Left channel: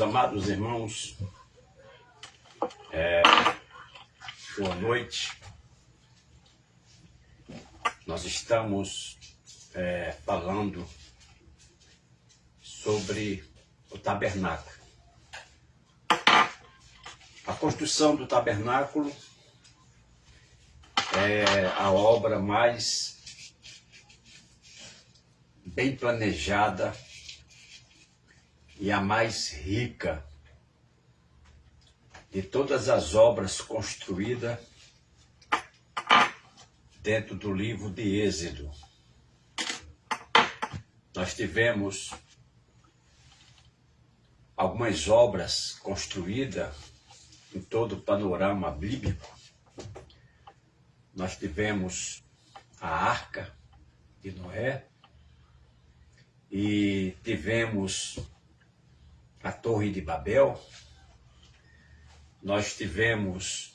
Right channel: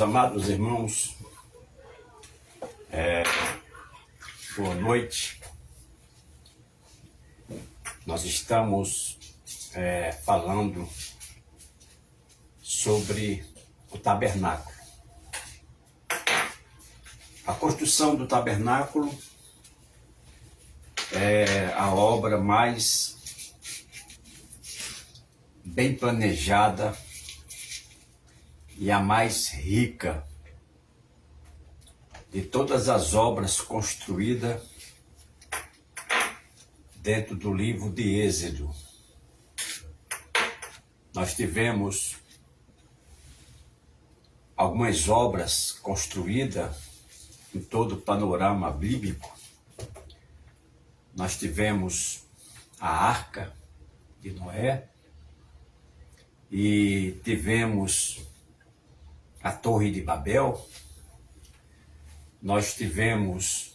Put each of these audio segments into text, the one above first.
Meus amados irmãos, boa noite. Nós estamos falando sobre o tabernáculo. A construção do tabernáculo é a obra mais bem planejada e a mais rica de todas as obras construídas dentro do livro de Êxodo. Nós tivemos algumas obras construídas em todo o panorama bíblico. Nós tivemos a Arca de Noé e tivemos a Torre de Babel. Nós tivemos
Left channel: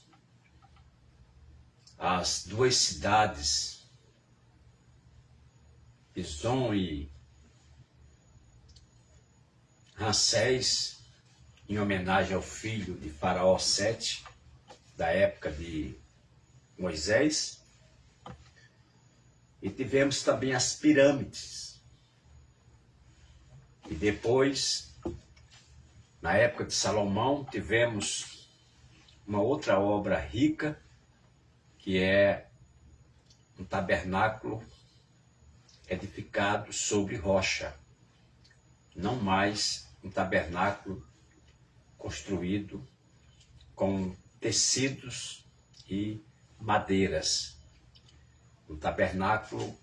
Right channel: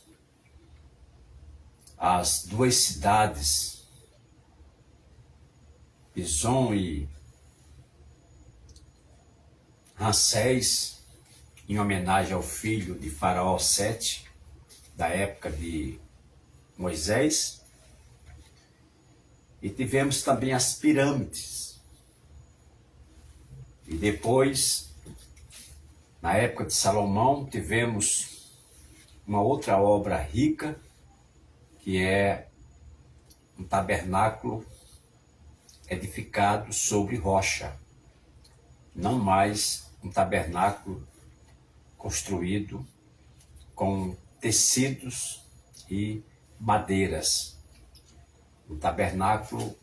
as duas cidades, Pison e Ramsés, em homenagem ao filho de Faraó Sete, da época de Moisés. E tivemos também as pirâmides. E depois, na época de Salomão, tivemos uma outra obra rica, que é um tabernáculo edificado sobre rocha, não mais um tabernáculo construído com tecidos e madeiras. Um tabernáculo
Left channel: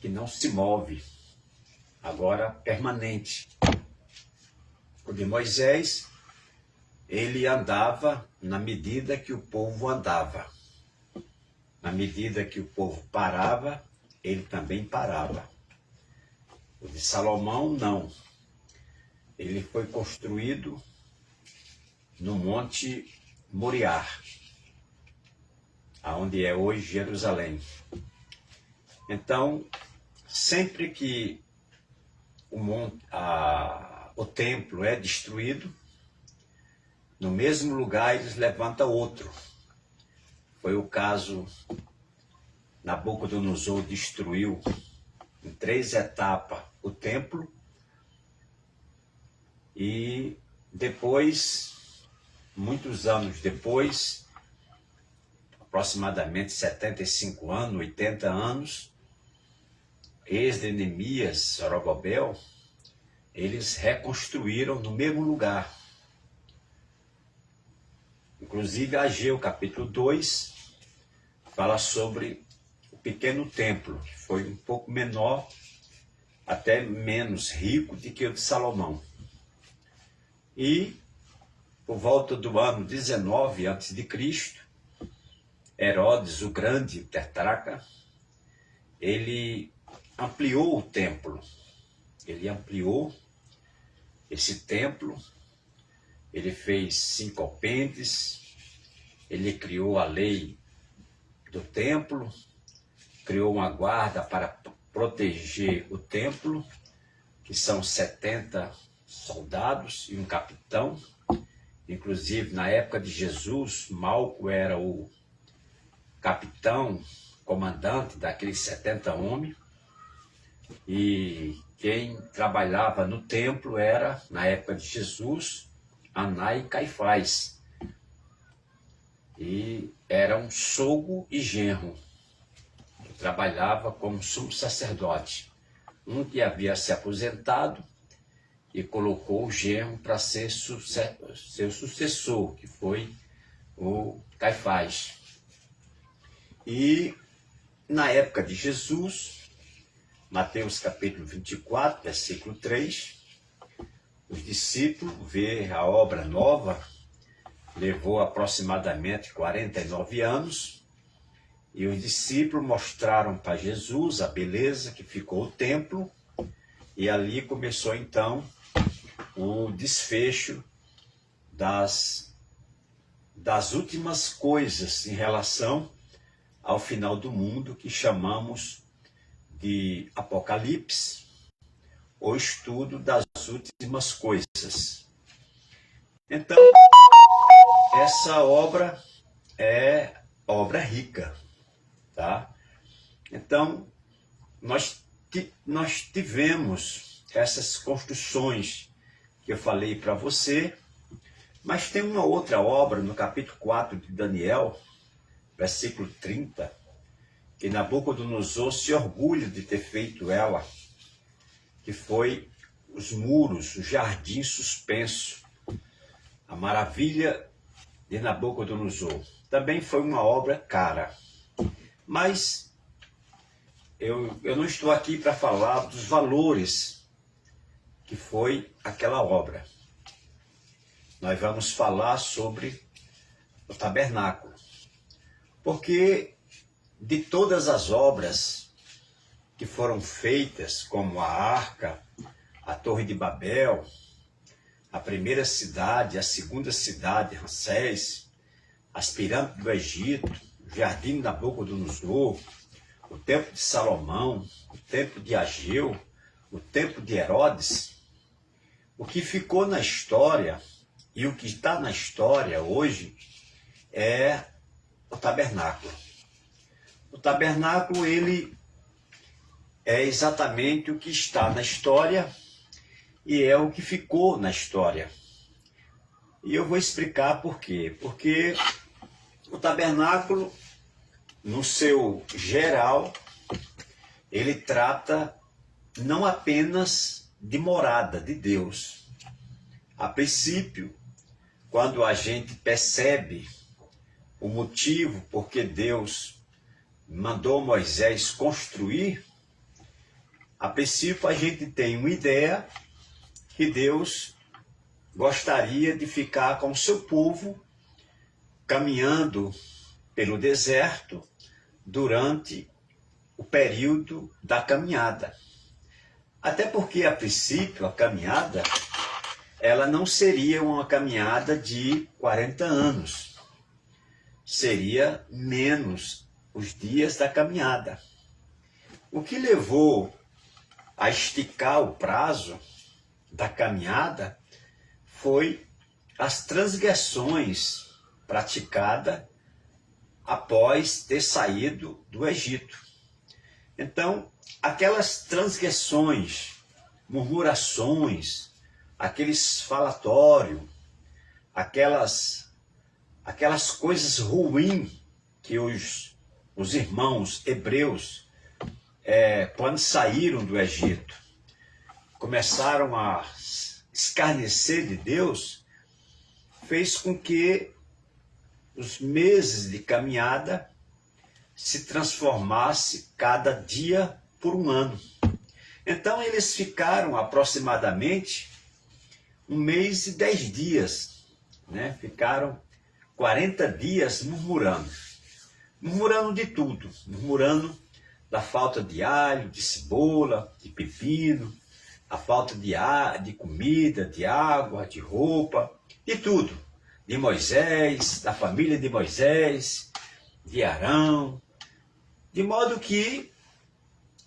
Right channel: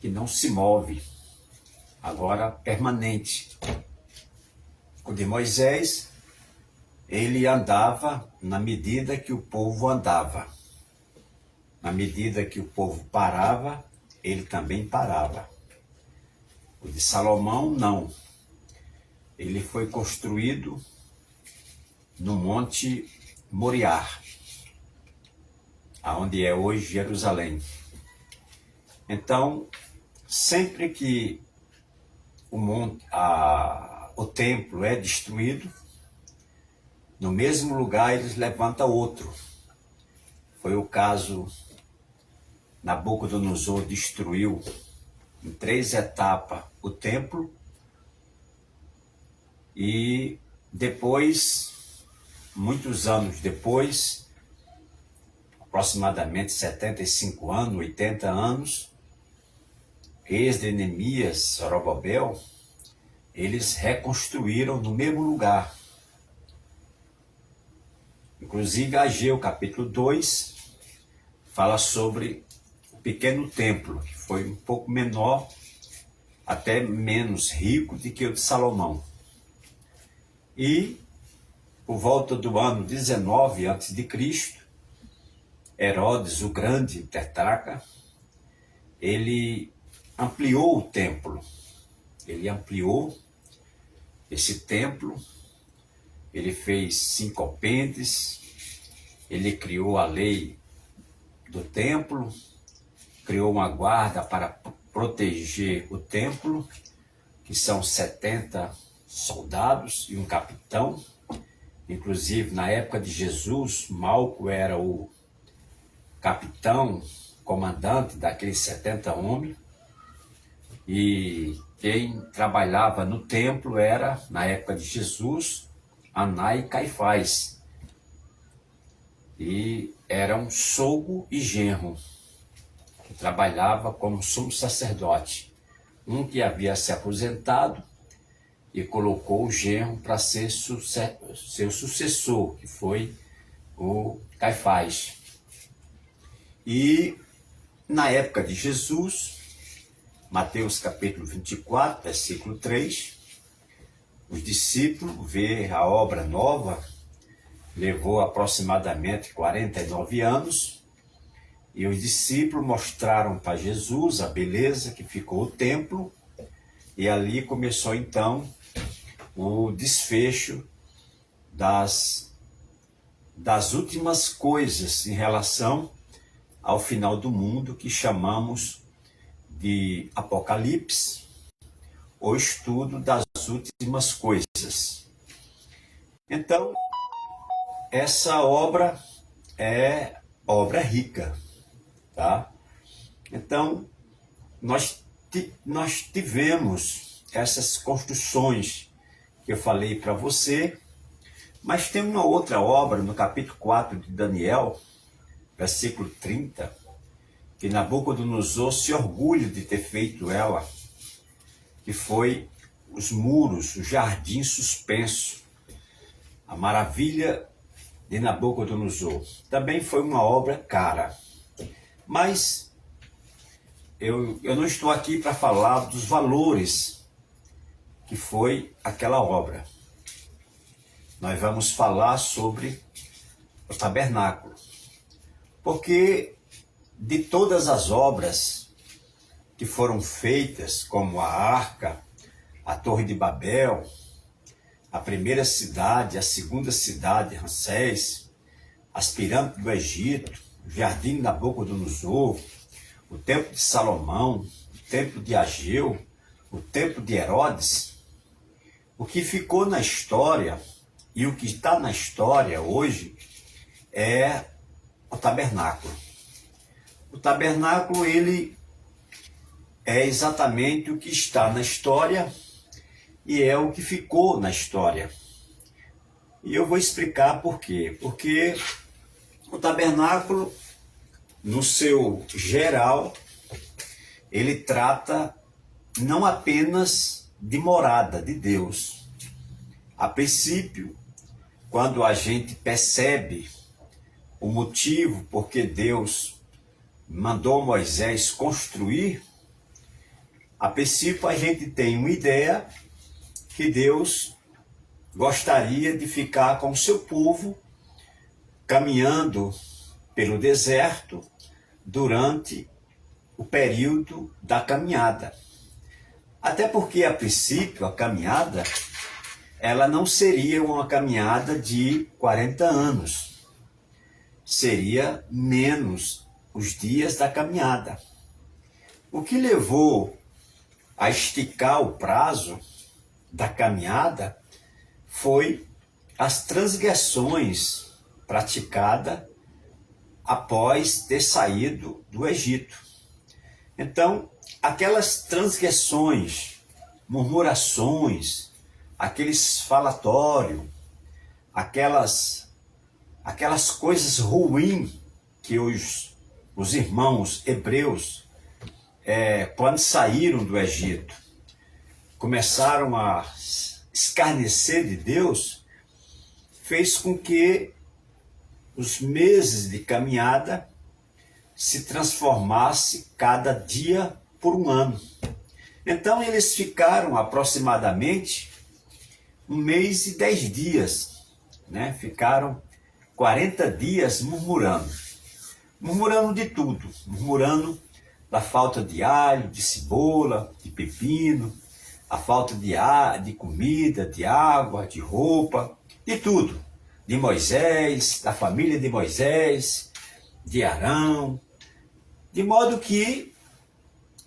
que não se move, agora permanente. O de Moisés, ele andava na medida que o povo andava. Na medida que o povo parava, ele também parava. O de Salomão, não. Ele foi construído no Monte Moriá, onde é hoje Jerusalém. Então, sempre que o templo é destruído, no mesmo lugar eles levantam outro. Foi o caso, Nabucodonosor destruiu em 3 etapas o templo e depois, muitos anos depois, aproximadamente 75 anos, 80 anos, Esdras, Neemias, Zorobabel, eles reconstruíram no mesmo lugar. Inclusive, Ageu, capítulo 2, fala sobre o pequeno templo, que foi um pouco menor, até menos rico do que o de Salomão. E, por volta do ano 19 a.C., Herodes, o grande tetrarca, ele ampliou o templo. Ele ampliou esse templo. Ele fez 5 alpendres, ele criou a lei do templo, criou uma guarda para proteger o templo, que são 70 soldados e um capitão. Inclusive, na época de Jesus, Malco era o capitão, comandante daqueles 70 homens, e quem trabalhava no templo era, na época de Jesus, Aná e Caifás, e eram sogro e genro, que trabalhava como sumo sacerdote. Um que havia se aposentado e colocou o genro para ser seu sucessor, que foi o Caifás. E na época de Jesus, Mateus capítulo 24, versículo 3, os discípulos vê a obra nova, levou aproximadamente 49 anos, e os discípulos mostraram para Jesus a beleza que ficou o templo, e ali começou então o desfecho das últimas coisas em relação ao final do mundo, que chamamos de Apocalipse, o estudo das das últimas coisas. Então, essa obra é obra rica, tá? Então, nós tivemos essas construções que eu falei para você, mas tem uma outra obra no capítulo 4 de Daniel, versículo 30, que Nabucodonosor se orgulha de ter feito ela, que foi os muros, o jardim suspenso, a maravilha de Nabucodonosor. Também foi uma obra cara, mas eu não estou aqui para falar dos valores que foi aquela obra. Nós vamos falar sobre o tabernáculo, porque de todas as obras que foram feitas, como a arca, a Torre de Babel, a primeira cidade, a segunda cidade, Ramsés, as pirâmides do Egito, o jardim de Nabucodonosor, o templo de Salomão, o templo de Ageu, o templo de Herodes, o que ficou na história e o que está na história hoje é o tabernáculo. O tabernáculo, ele é exatamente o que está na história e é o que ficou na história. E eu vou explicar por quê. Porque o tabernáculo, no seu geral, ele trata não apenas de morada de Deus. A princípio, quando a gente percebe o motivo por que Deus mandou Moisés construir, a princípio a gente tem uma ideia que Deus gostaria de ficar com o seu povo caminhando pelo deserto durante o período da caminhada. Até porque, a princípio, a caminhada, ela não seria uma caminhada de 40 anos. Seria menos os dias da caminhada. O que levou a esticar o prazo da caminhada foi as transgressões praticadas após ter saído do Egito. Então, aquelas transgressões, murmurações, aqueles falatórios, aquelas coisas ruins que os irmãos hebreus, quando saíram do Egito, começaram a escarnecer de Deus, fez com que os meses de caminhada se transformasse cada dia por um ano. Então eles ficaram aproximadamente 1 mês e 10 dias, né? Ficaram 40 dias murmurando de tudo, murmurando da falta de alho, de cebola, de pepino, a falta de comida, de água, de roupa, de tudo, de Moisés, da família de Moisés, de Arão, de modo que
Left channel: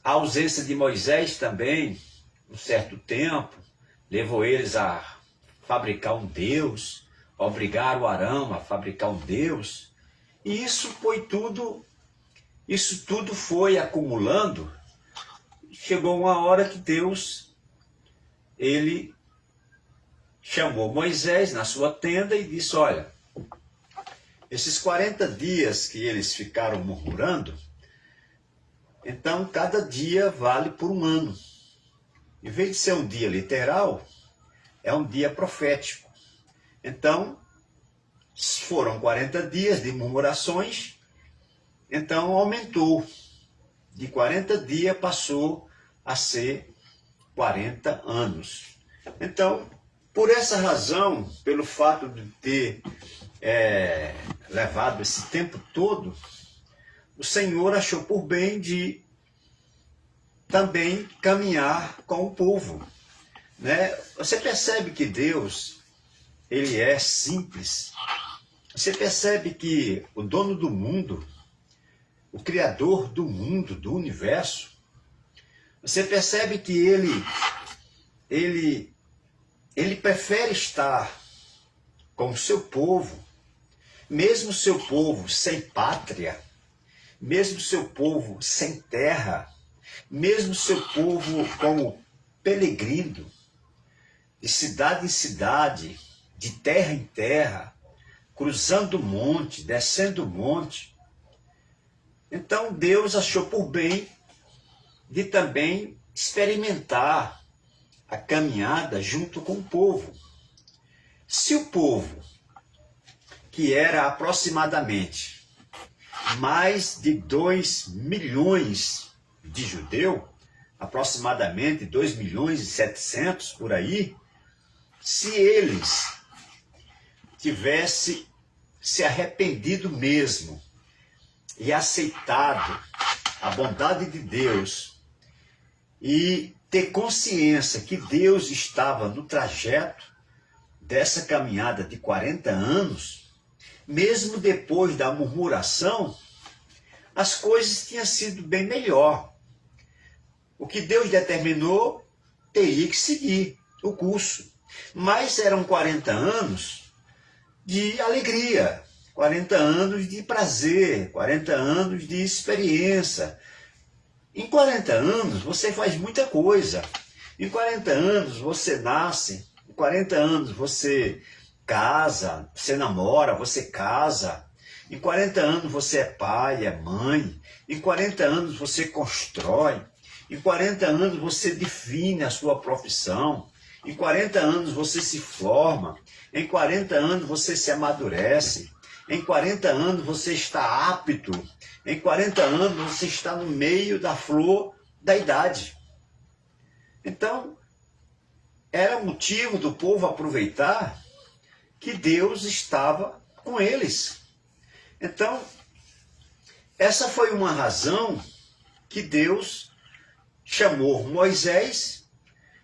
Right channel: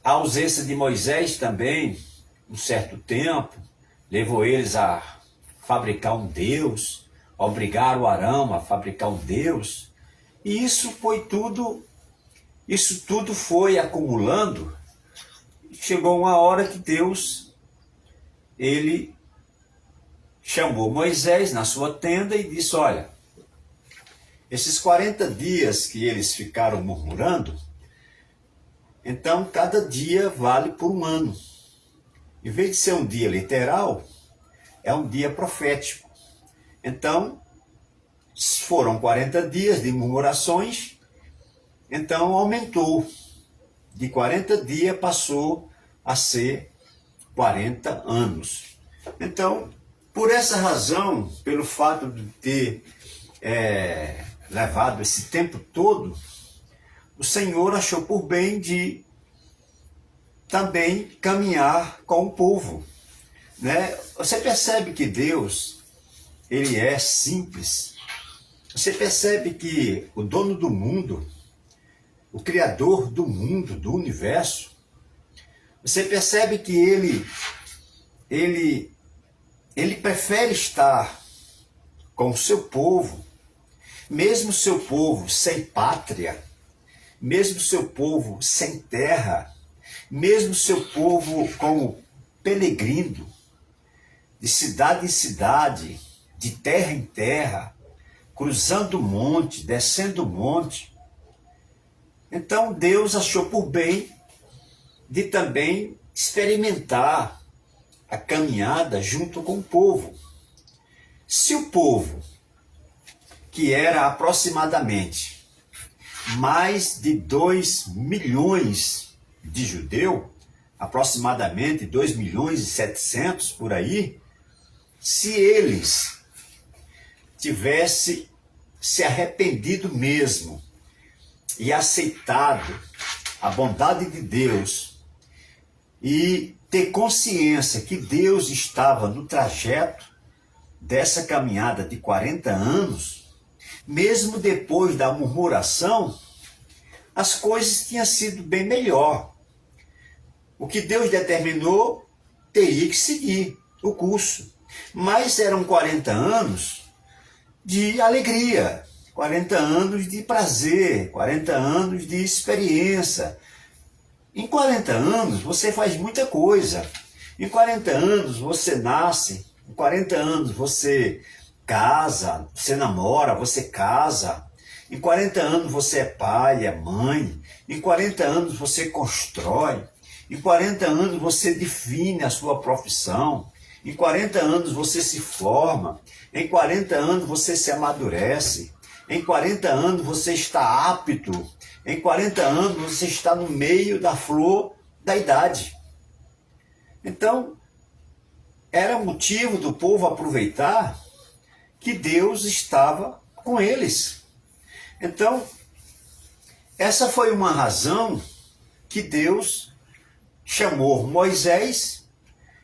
a ausência de Moisés também, um certo tempo, levou eles a fabricar um Deus, a obrigar o Arão a fabricar um Deus, e isso tudo foi acumulando, e chegou uma hora que Deus, ele chamou Moisés na sua tenda e disse: olha, esses 40 dias que eles ficaram murmurando, então cada dia vale por um ano. Em vez de ser um dia literal, é um dia profético. Então, foram 40 dias de murmurações, então aumentou. De 40 dias passou a ser 40 anos. Então, por essa razão, pelo fato de ter levado esse tempo todo, o Senhor achou por bem de também caminhar com o povo, né? Você percebe que Deus, ele é simples. Você percebe que o dono do mundo, o criador do mundo, do universo, você percebe que ele ele prefere estar com o seu povo, mesmo seu povo sem pátria, mesmo seu povo sem terra, mesmo seu povo como peregrino, de cidade em cidade, de terra em terra, cruzando o monte, descendo o monte. Então Deus achou por bem de também experimentar a caminhada junto com o povo. Se o povo, que era aproximadamente mais de 2 milhões de judeus, aproximadamente 2 milhões e 700 por aí, se eles tivessem se arrependido mesmo e aceitado a bondade de Deus e ter consciência que Deus estava no trajeto dessa caminhada de 40 anos, mesmo depois da murmuração, as coisas tinham sido bem melhor. O que Deus determinou teria que seguir o curso. Mas eram 40 anos de alegria, 40 anos de prazer, 40 anos de experiência. Em 40 anos você faz muita coisa. Em 40 anos você nasce, em 40 anos você casa, você namora, você casa. Em 40 anos você é pai, é mãe. Em 40 anos você constrói. Em 40 anos você define a sua profissão. Em 40 anos você se forma. Em 40 anos você se amadurece. Em 40 anos você está apto. Em 40 anos você está no meio da flor da idade. Então, era motivo do povo aproveitar que Deus estava com eles. Então, essa foi uma razão que Deus chamou Moisés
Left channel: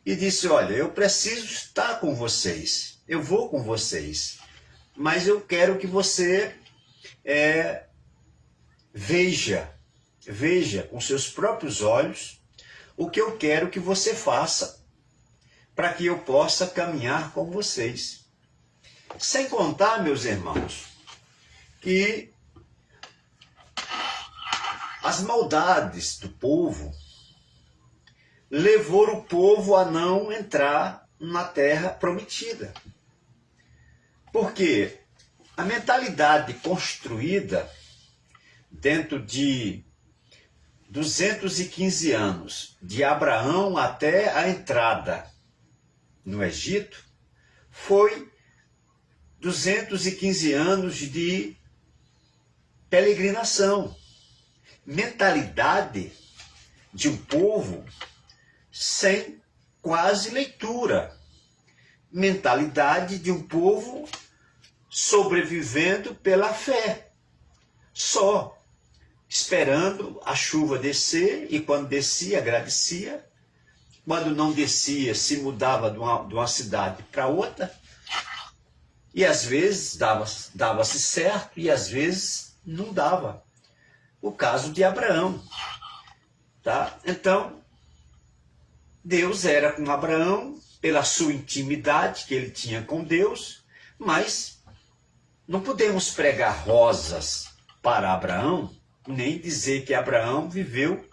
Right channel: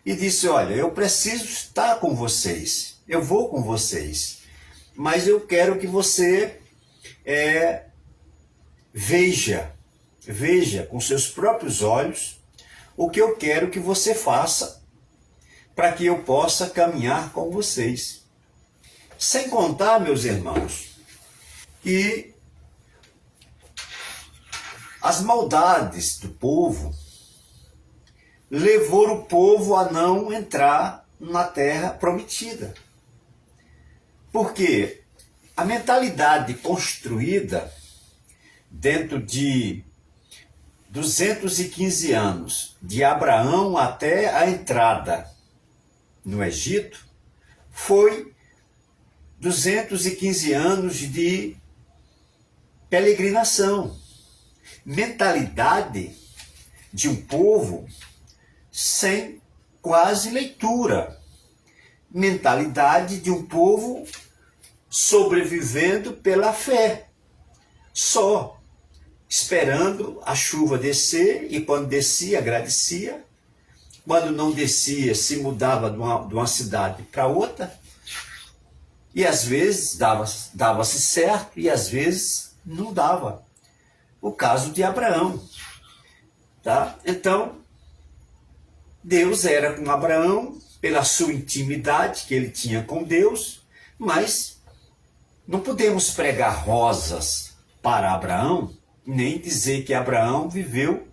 e disse: olha, eu preciso estar com vocês, eu vou com vocês, mas eu quero que você veja com seus próprios olhos o que eu quero que você faça para que eu possa caminhar com vocês. Sem contar, meus irmãos, que as maldades do povo levou o povo a não entrar na terra prometida. Porque a mentalidade construída dentro de 215 anos, de Abraão até a entrada no Egito, foi 215 anos de peregrinação. Mentalidade de um povo sem quase leitura. Mentalidade de um povo sobrevivendo pela fé. Só esperando a chuva descer, e quando descia, agradecia. Quando não descia, se mudava de uma cidade para outra. E às vezes dava-se certo e às vezes não dava. O caso de Abraão. Tá? Então, Deus era com Abraão pela sua intimidade que ele tinha com Deus, mas não podemos pregar rosas para Abraão, nem dizer que Abraão viveu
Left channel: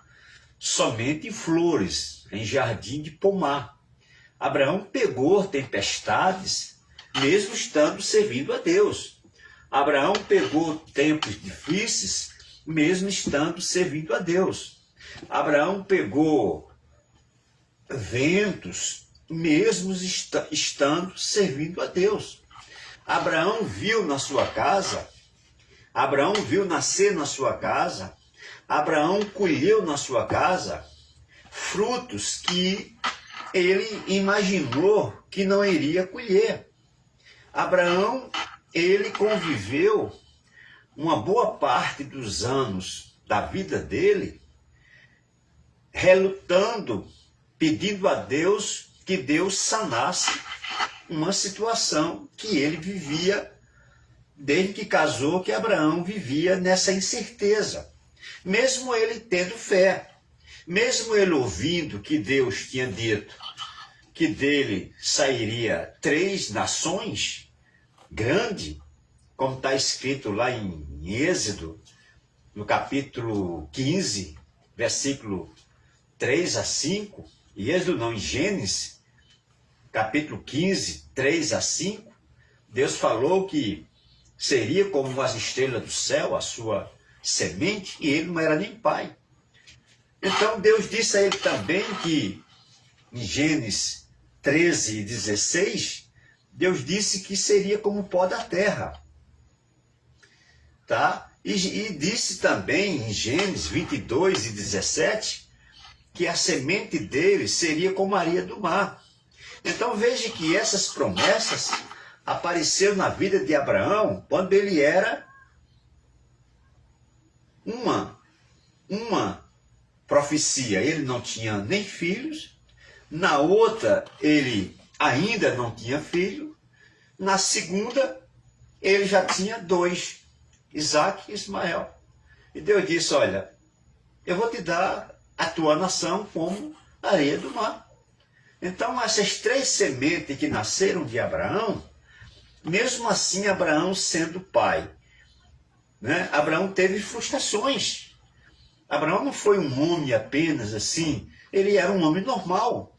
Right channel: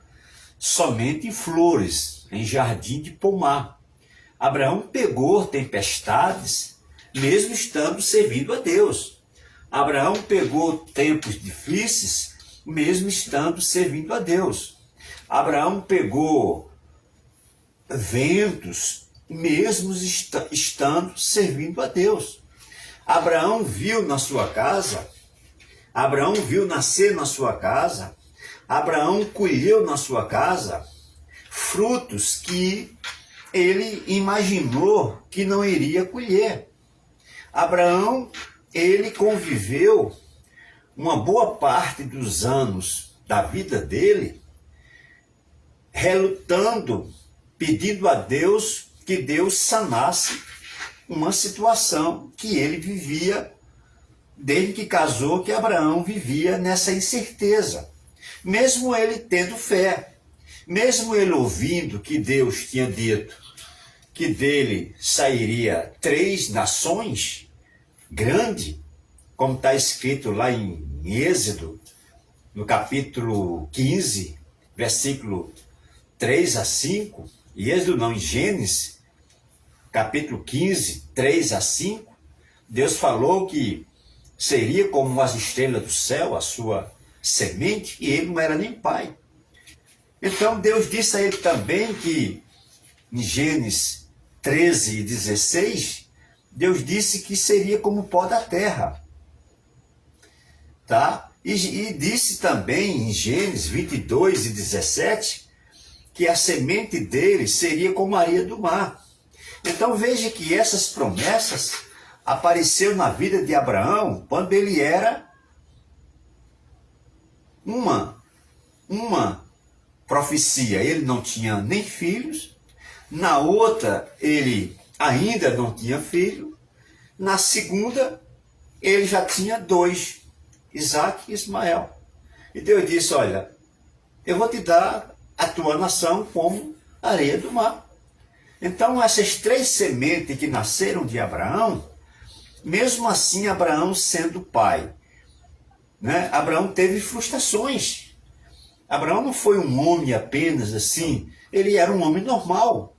somente em flores, em jardim de pomar. Abraão pegou tempestades, mesmo estando servindo a Deus. Abraão pegou tempos difíceis, mesmo estando servindo a Deus. Abraão pegou ventos, mesmo estando servindo a Deus. Abraão viu na sua casa, Abraão viu nascer na sua casa, Abraão colheu na sua casa frutos que ele imaginou que não iria colher. Abraão, ele conviveu uma boa parte dos anos da vida dele, relutando, pedindo a Deus que Deus sanasse uma situação que ele vivia desde que casou, que Abraão vivia nessa incerteza. Mesmo ele tendo fé, mesmo ele ouvindo que Deus tinha dito que dele sairia 3 nações grandes, como está escrito lá em Êxodo, no capítulo 15, versículo 3 a 5, e Êxodo não, em Gênesis, capítulo 15, 3 a 5, Deus falou que seria como as estrelas do céu, a sua semente, e ele não era nem pai. Então Deus disse a ele também que, em Gênesis 13 e 16, Deus disse que seria como o pó da terra. Tá? E disse também em Gênesis 22 e 17, que a semente dele seria como a areia do mar. Então veja que essas promessas apareceram na vida de Abraão quando ele era uma profecia. Ele não tinha nem filhos, na outra ele ainda não tinha filho, na segunda ele já tinha 2, Isaac e Ismael. E Deus disse, olha, eu vou te dar a tua nação como areia do mar. Então essas 3 sementes que nasceram de Abraão, mesmo assim Abraão sendo pai, né? Abraão teve frustrações. Abraão não foi um homem apenas assim, ele era um homem normal,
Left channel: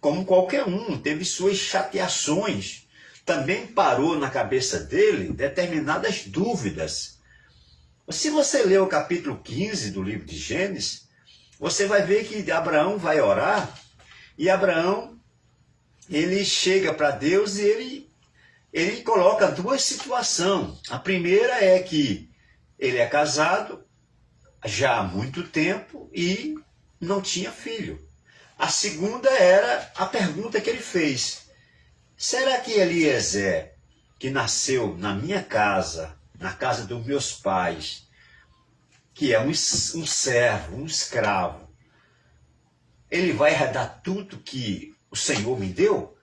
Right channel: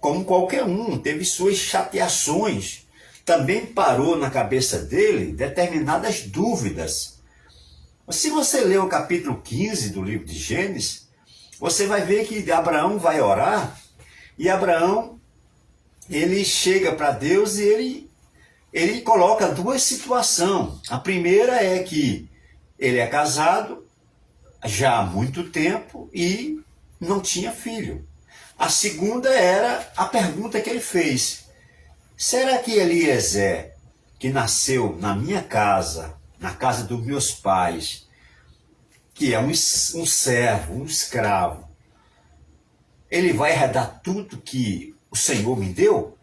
como qualquer um, teve suas chateações. Também parou na cabeça dele determinadas dúvidas. Se você ler o capítulo 15 do livro de Gênesis, você vai ver que Abraão vai orar, e Abraão, ele chega para Deus e ele coloca 2 situações. A primeira é que ele é casado já há muito tempo e não tinha filho. A segunda era a pergunta que ele fez: será que Eliezer, que nasceu na minha casa, na casa dos meus pais, que é um servo, um escravo, ele vai herdar tudo que o Senhor me deu?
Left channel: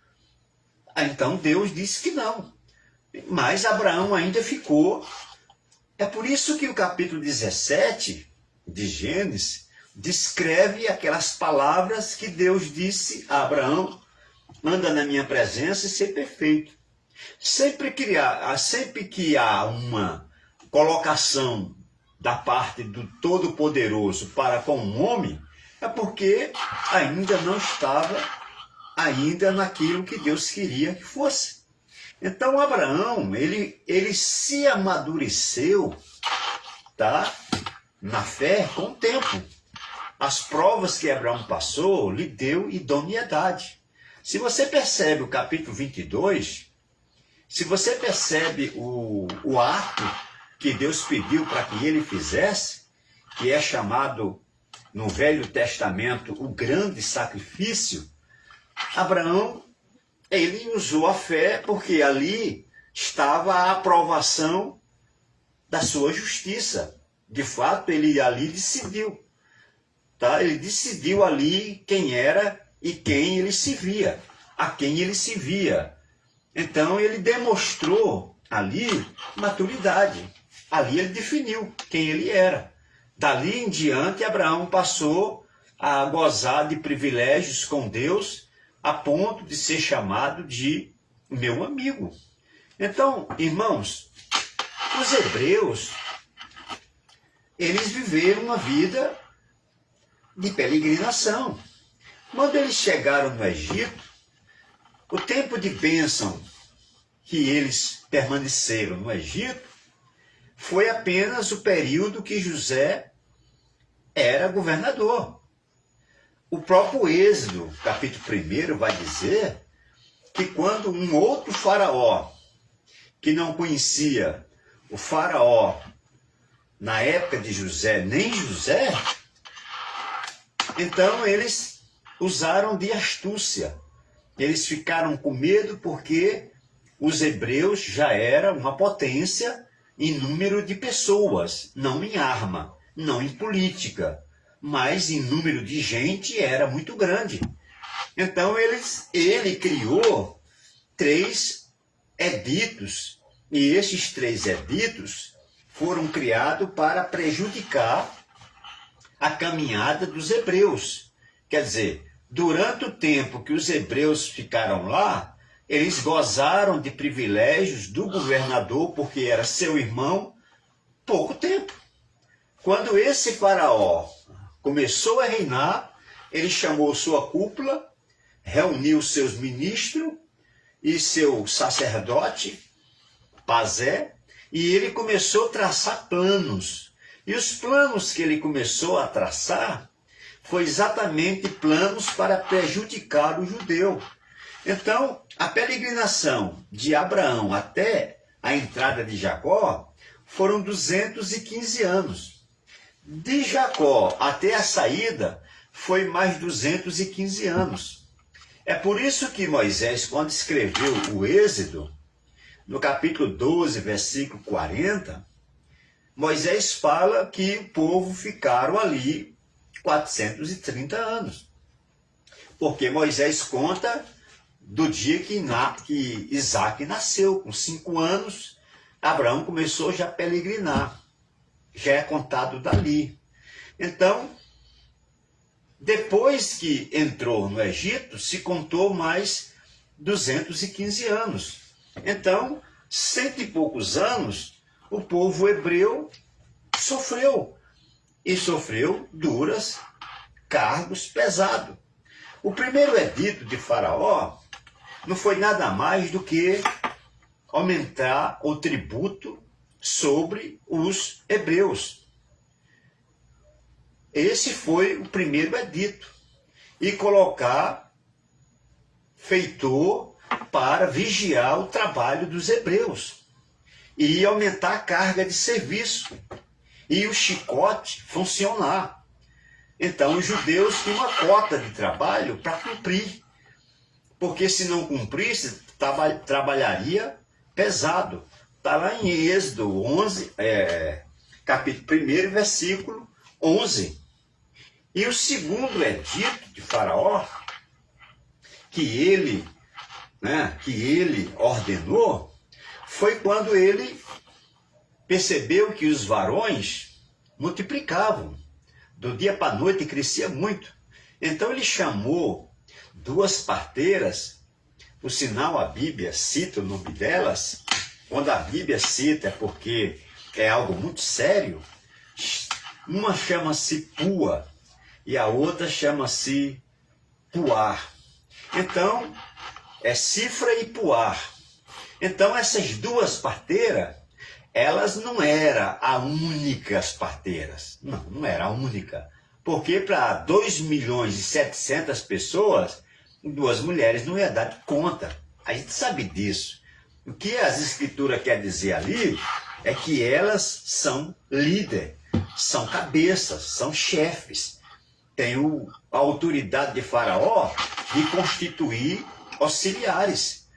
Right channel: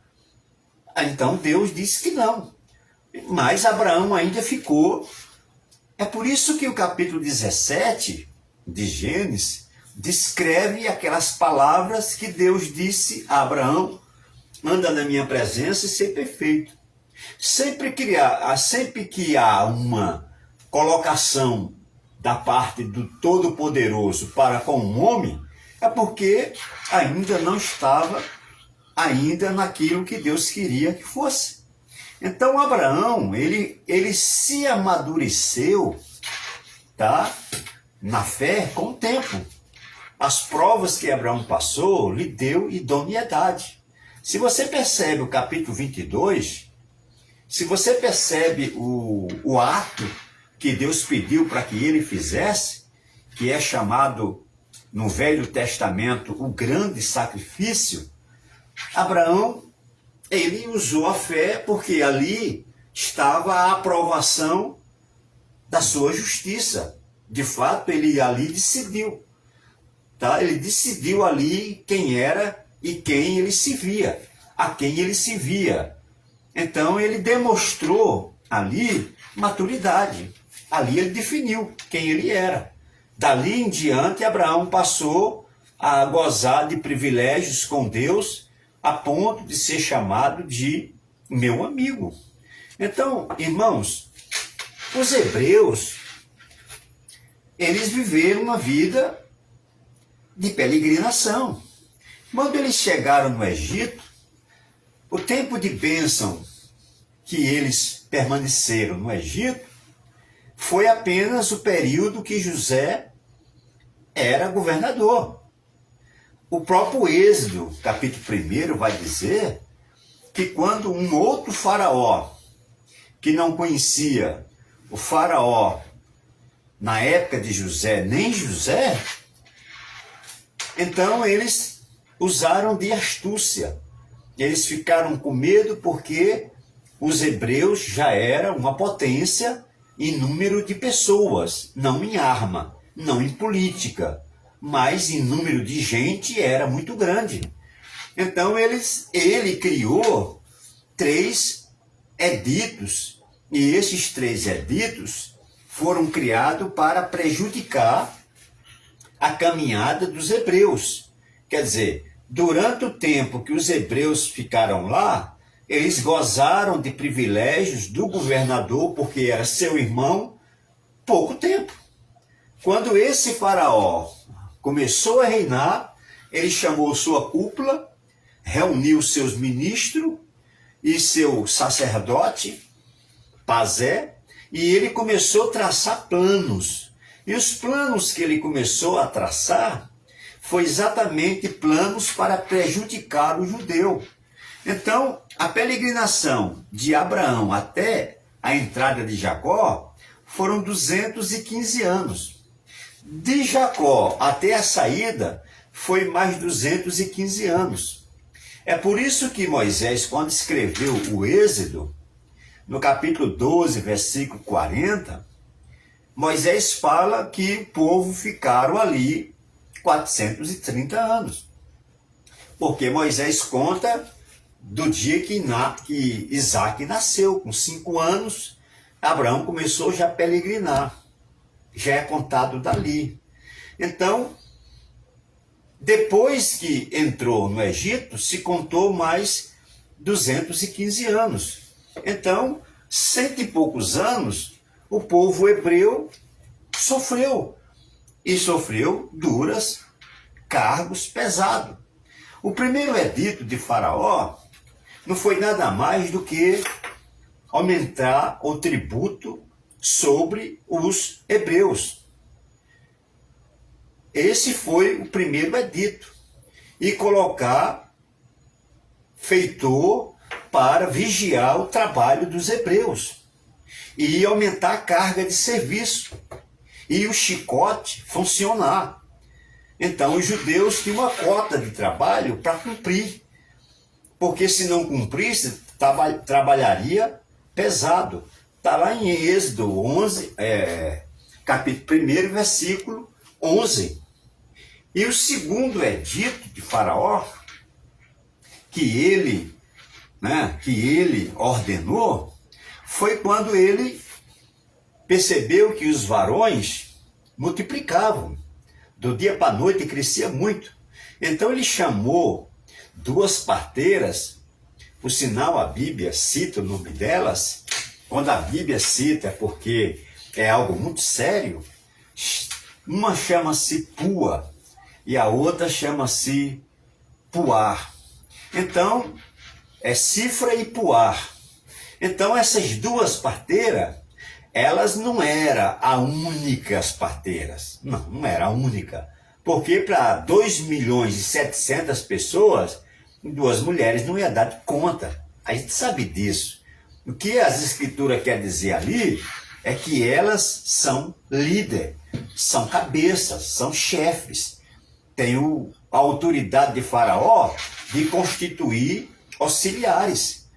Então Deus disse que não. Mas Abraão ainda ficou. É por isso que o capítulo 17 de Gênesis descreve aquelas palavras que Deus disse a Abraão: anda na minha presença e ser perfeito. Sempre que há uma colocação da parte do Todo-Poderoso para com um homem, é porque ainda não estava ainda naquilo que Deus queria que fosse. Então Abraão, ele se amadureceu, tá? Na fé com o tempo. As provas que Abraão passou lhe deu idoneidade. Se você percebe o capítulo 22, se você percebe o ato que Deus pediu para que ele fizesse, que é chamado no Velho Testamento o grande sacrifício, Abraão, ele usou a fé porque ali estava a aprovação da sua justiça. De fato, ele ali decidiu. Tá? Ele decidiu ali quem era e quem ele se via, a quem ele se via. Então ele demonstrou ali maturidade. Ali ele definiu quem ele era. Dali em diante, Abraão passou a gozar de privilégios com Deus, a ponto de ser chamado de meu amigo. Então, irmãos, os hebreus, eles viveram uma vida de peregrinação. Quando eles chegaram no Egito, o tempo de bênção que eles permaneceram no Egito foi apenas o período que José era governador. O próprio Êxodo, capítulo 1, vai dizer que quando um outro faraó, que não conhecia o faraó na época de José, nem José, então eles usaram de astúcia. Eles ficaram com medo porque os hebreus já eram uma potência em número de pessoas, não em arma, não em política, mas em número de gente era muito grande. Então ele criou 3 editos, e esses 3 editos foram criados para prejudicar a caminhada dos hebreus. Quer dizer, durante o tempo que os hebreus ficaram lá, eles gozaram de privilégios do governador, porque era seu irmão, pouco tempo. Quando esse faraó começou a reinar, ele chamou sua cúpula, reuniu seus ministros e seu sacerdote, Pazé, e ele começou a traçar planos. E os planos que ele começou a traçar foi exatamente planos para prejudicar o judeu. Então, a peregrinação de Abraão até a entrada de Jacó foram 215 anos. De Jacó até a saída foi mais 215 anos. É por isso que Moisés, quando escreveu o Êxodo, no capítulo 12, versículo 40, Moisés fala que o povo ficaram ali 430 anos. Porque Moisés conta do dia que Isaac nasceu, com 5 anos, Abraão começou já a peregrinar. Já é contado dali. Então, depois que entrou no Egito, se contou mais 215 anos. Então, 100 e poucos anos, o povo hebreu sofreu. E sofreu duras cargos pesados. O primeiro edito de Faraó não foi nada mais do que aumentar o tributo sobre os hebreus. Esse foi o primeiro edito. E colocar feitor para vigiar o trabalho dos hebreus. E aumentar a carga de serviço. E o chicote funcionar. Então os judeus tinham uma cota de trabalho para cumprir. Porque se não cumprisse, trabalharia pesado. Está lá em Êxodo 11, capítulo 1, versículo 11. E o segundo edito de Faraó, que ele ordenou, foi quando ele percebeu que os varões multiplicavam. Do dia para a noite crescia muito. Então ele chamou 2 parteiras, por sinal a Bíblia cita o nome delas. Quando a Bíblia cita é porque é algo muito sério. Uma chama-se Pua e a outra chama-se Puar. Então, é Cifra e Puar. Então, essas 2 parteiras, elas não eram as únicas parteiras. Não era a única. Porque para 2.700.000 pessoas, 2 mulheres não ia dar de conta. A gente sabe disso. O que as escrituras querem dizer ali é que elas são líderes, são cabeças, são chefes. Tem a autoridade de Faraó de constituir auxiliares.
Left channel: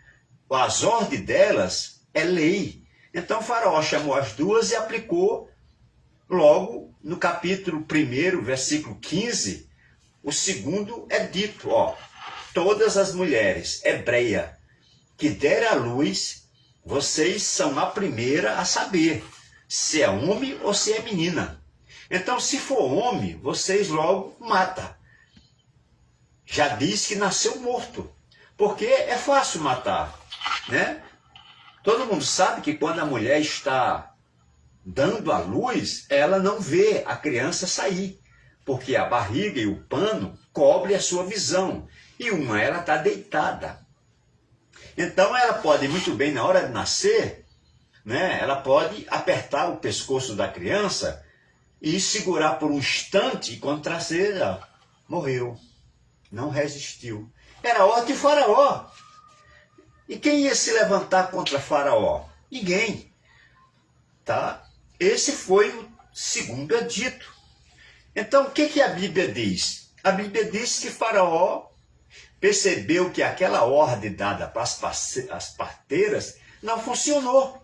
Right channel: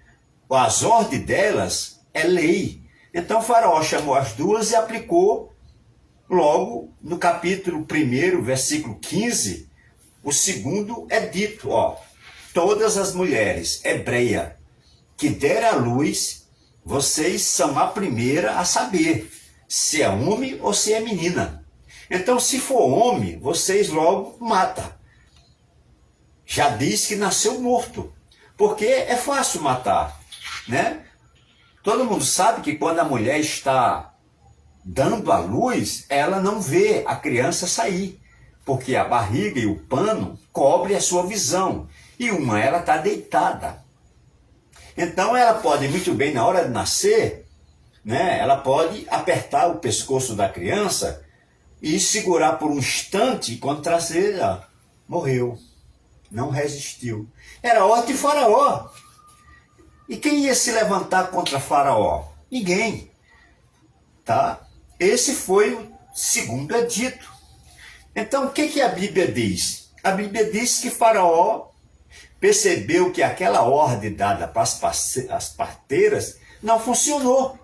As ordens delas é lei. Então Faraó chamou as 2 e aplicou logo no capítulo 1, versículo 15, o segundo é dito, todas as mulheres hebreias que deram à luz, vocês são a primeira a saber se é homem ou se é menina. Então, se for homem, vocês logo matam. Já diz que nasceu morto, porque é fácil matar, né? Todo mundo sabe que quando a mulher está dando à luz, ela não vê a criança sair, porque a barriga e o pano cobrem a sua visão, e ela está deitada. Então ela pode muito bem, na hora de nascer, né, ela pode apertar o pescoço da criança e segurar por um instante, e quando trazer, ela morreu, não resistiu. Era ordem de Faraó. E quem ia se levantar contra Faraó? Ninguém. Tá? Esse foi o segundo edito. Então, o que a Bíblia diz? A Bíblia diz que Faraó percebeu que aquela ordem dada para as parteiras não funcionou.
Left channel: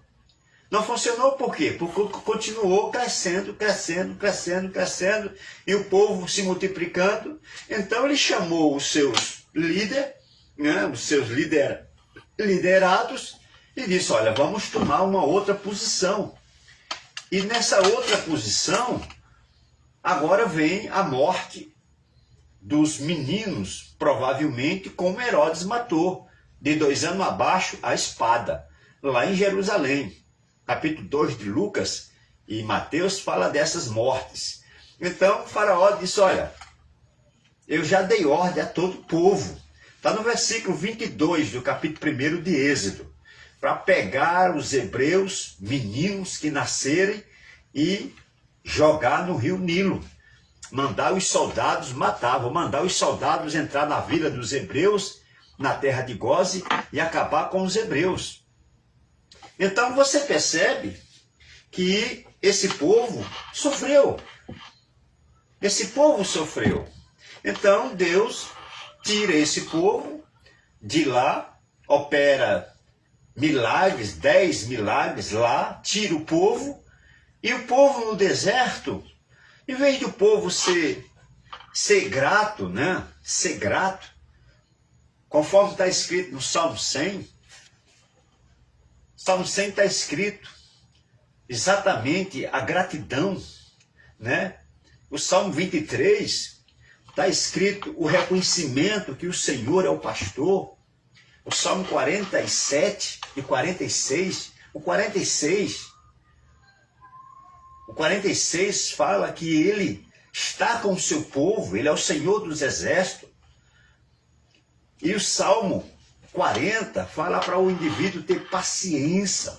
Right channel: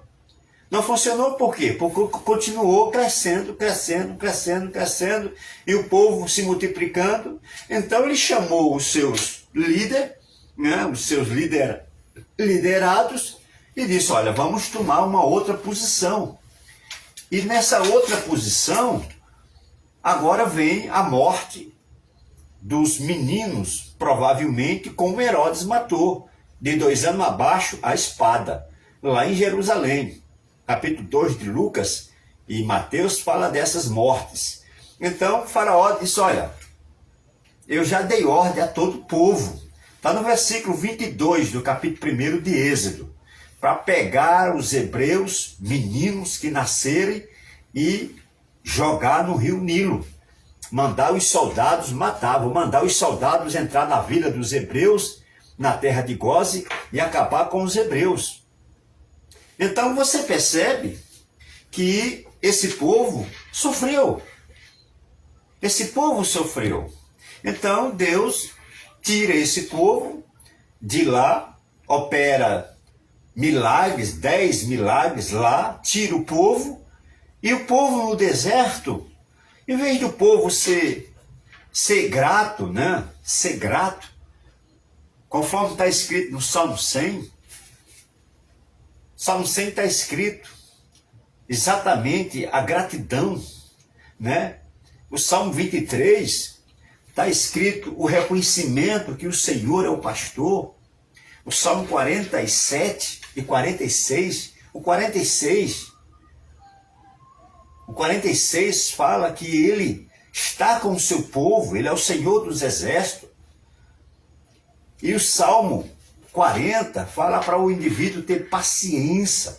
Não funcionou por quê? Porque continuou crescendo, e o povo se multiplicando. Então, ele chamou os seus líderes, né, os seus liderados, e disse, olha, vamos tomar uma outra posição. E nessa outra posição, agora vem a morte dos meninos, provavelmente como Herodes matou, de 2 anos abaixo, a espada, lá em Jerusalém. Capítulo 2 de Lucas e Mateus fala dessas mortes. Então, Faraó disse, olha, eu já dei ordem a todo o povo. Está no versículo 22 do capítulo 1 de Êxodo, para pegar os hebreus, meninos que nascerem, e jogar no rio Nilo. Mandar os soldados matar, vou mandar os soldados entrar na vila dos hebreus, na terra de Goze, e acabar com os hebreus. Então você percebe que esse povo sofreu. Esse povo sofreu. Então Deus tira esse povo de lá, opera milagres, 10 milagres lá, tira o povo, e o povo no deserto, em vez do povo ser grato, né? Ser grato, conforme está escrito no Salmo 100, Salmo 100 está escrito exatamente a gratidão, né? O Salmo 23 está escrito o reconhecimento que o Senhor é o pastor. O Salmo 47 e 46, o 46 fala que ele está com o seu povo, ele é o Senhor dos exércitos. E o Salmo 40 fala para o indivíduo ter paciência.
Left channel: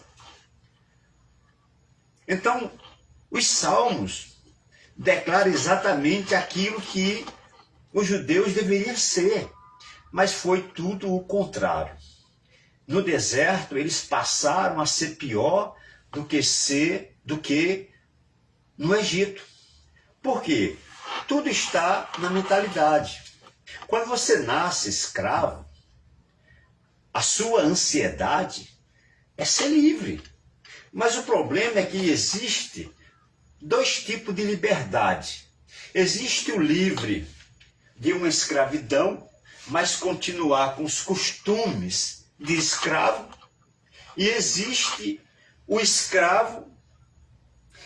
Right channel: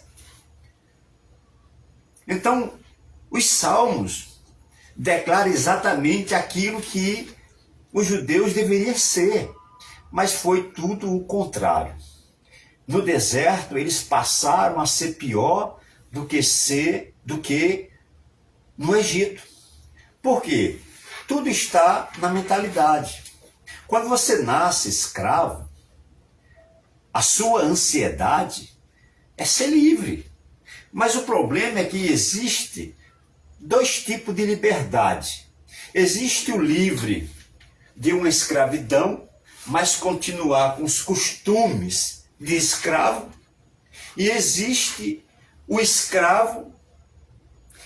Então, os salmos declaram exatamente aquilo que os judeus deveriam ser, mas foi tudo o contrário. No deserto, eles passaram a ser pior do que no Egito. Por quê? Tudo está na mentalidade. Quando você nasce escravo, a sua ansiedade é ser livre. Mas o problema é que existe 2 tipos de liberdade. Existe o livre de uma escravidão, mas continuar com os costumes de escravo. E existe o escravo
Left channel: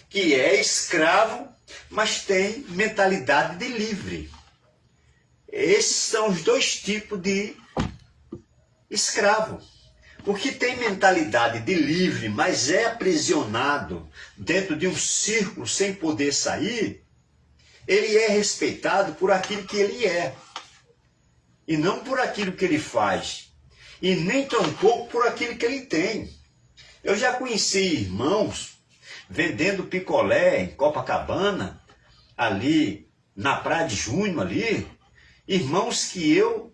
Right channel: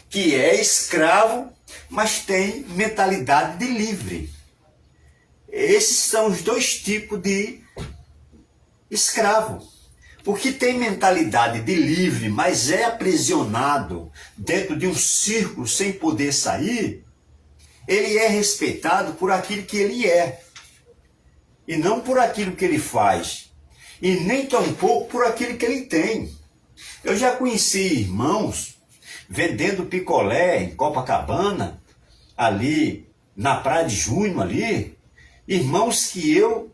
que é escravo, mas tem mentalidade de livre. Esses são os 2 tipos de escravo. O que tem mentalidade de livre, mas é aprisionado dentro de um círculo sem poder sair, ele é respeitado por aquilo que ele é, e não por aquilo que ele faz, e nem tampouco por aquilo que ele tem. Eu já conheci irmãos vendendo picolé em Copacabana, ali na Praia de Junho, ali, irmãos que eu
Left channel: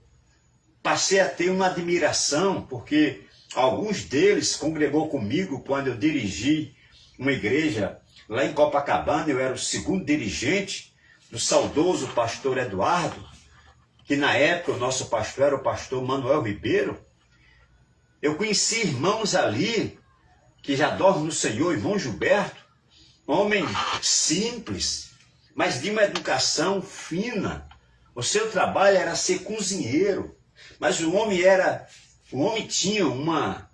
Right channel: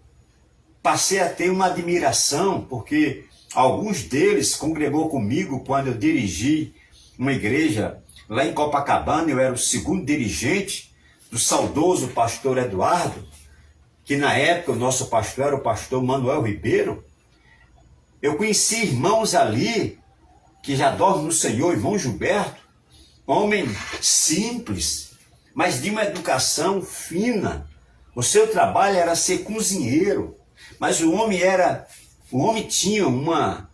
passei a ter uma admiração, porque alguns deles congregou comigo quando eu dirigi uma igreja lá em Copacabana. Eu era o 2º dirigente do saudoso pastor Eduardo, que na época o nosso pastor era o pastor Manuel Ribeiro. Eu conheci irmãos ali que já dormem no Senhor, irmão Gilberto, homem simples, mas de uma educação fina. O seu trabalho era ser cozinheiro, mas o homem tinha uma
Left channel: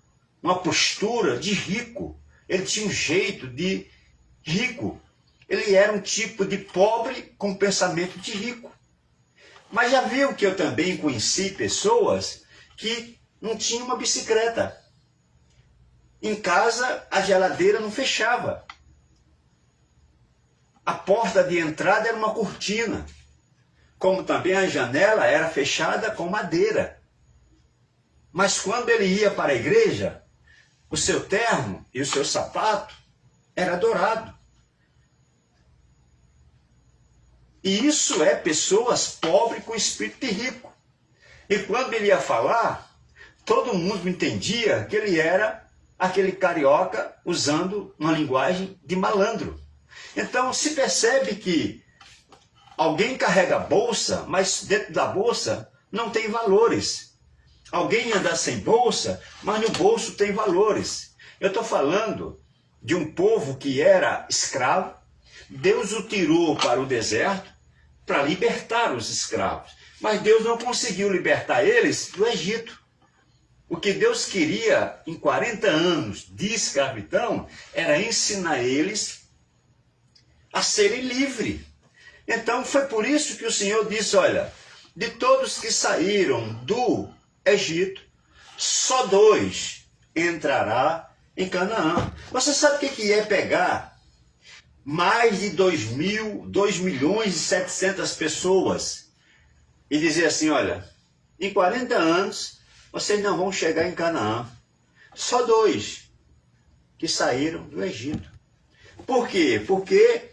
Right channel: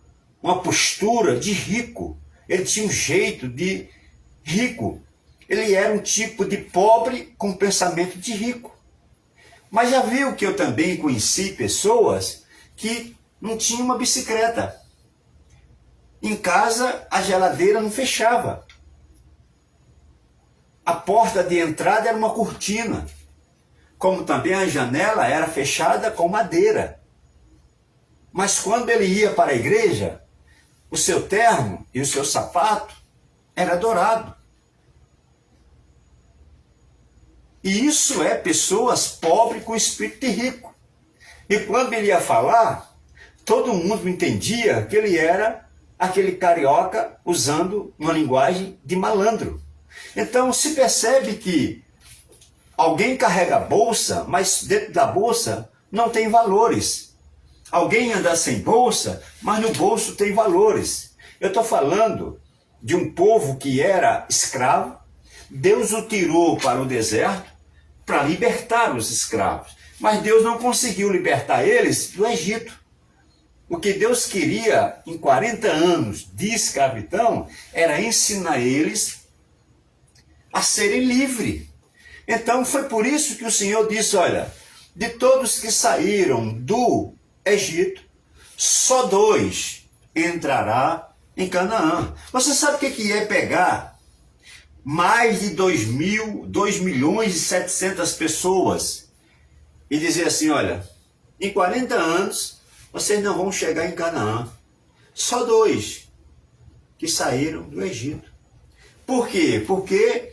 postura de rico. Ele tinha um jeito de rico. Ele era um tipo de pobre com pensamento de rico. Mas já viu que eu também conheci pessoas que não tinham uma bicicleta. Em casa, a geladeira não fechava. A porta de entrada era uma cortina, como também a janela era fechada com madeira. Mas quando ele ia para a igreja, o seu terno e o seu sapato era dourado. E isso é pessoas pobres com espírito de rico. E quando ele ia falar, todo mundo entendia que ele era aquele carioca usando uma linguagem de malandro. Então se percebe que alguém carrega bolsa, mas dentro da bolsa não tem valores. Alguém anda sem bolsa, mas no bolso tem valores. Eu estou falando de um povo que era escravo. Deus o tirou para o deserto para libertar os escravos. Mas Deus não conseguiu libertar eles do Egito. O que Deus queria em 40 anos de escravidão era ensinar eles a serem livres. Então foi por isso que o Senhor disse, olha, de todos que saíram do Egito, só 2 entrará em Canaã. Você sabe o que é pegar mais de 2.700.000 pessoas e dizer assim, olha, em 40 anos vocês não vão chegar em Canaã. Só 2 que saíram do Egito. Por quê? Porque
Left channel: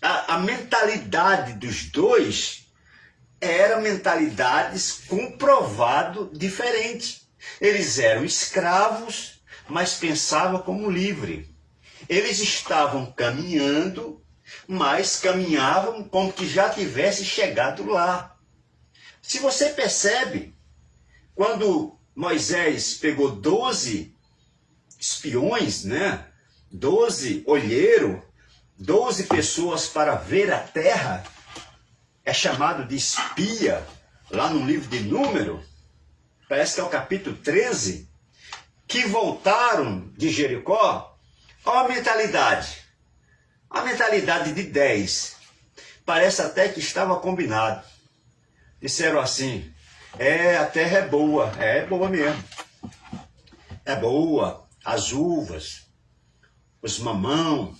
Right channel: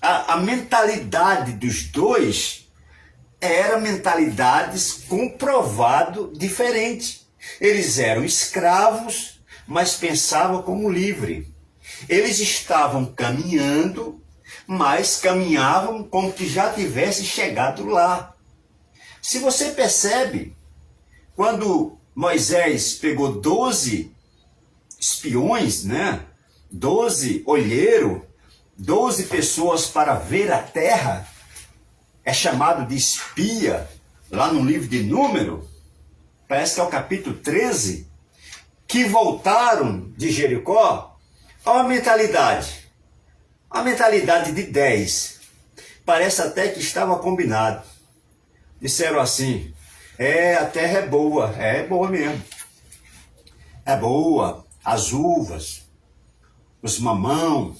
a mentalidade dos 2 era mentalidades comprovado diferente. Eles eram escravos, mas pensavam como livre. Eles estavam caminhando, mas caminhavam como que já tivesse chegado lá. Se você percebe, quando Moisés pegou 12 espiões, né? 12 olheiros, 12 pessoas para ver a terra, é chamado de espia, lá no livro de Número, parece que é o capítulo 13, que voltaram de Jericó. Olha a mentalidade de 10, parece até que estava combinado. Disseram assim, a terra é boa mesmo, é boa, as uvas, os mamão,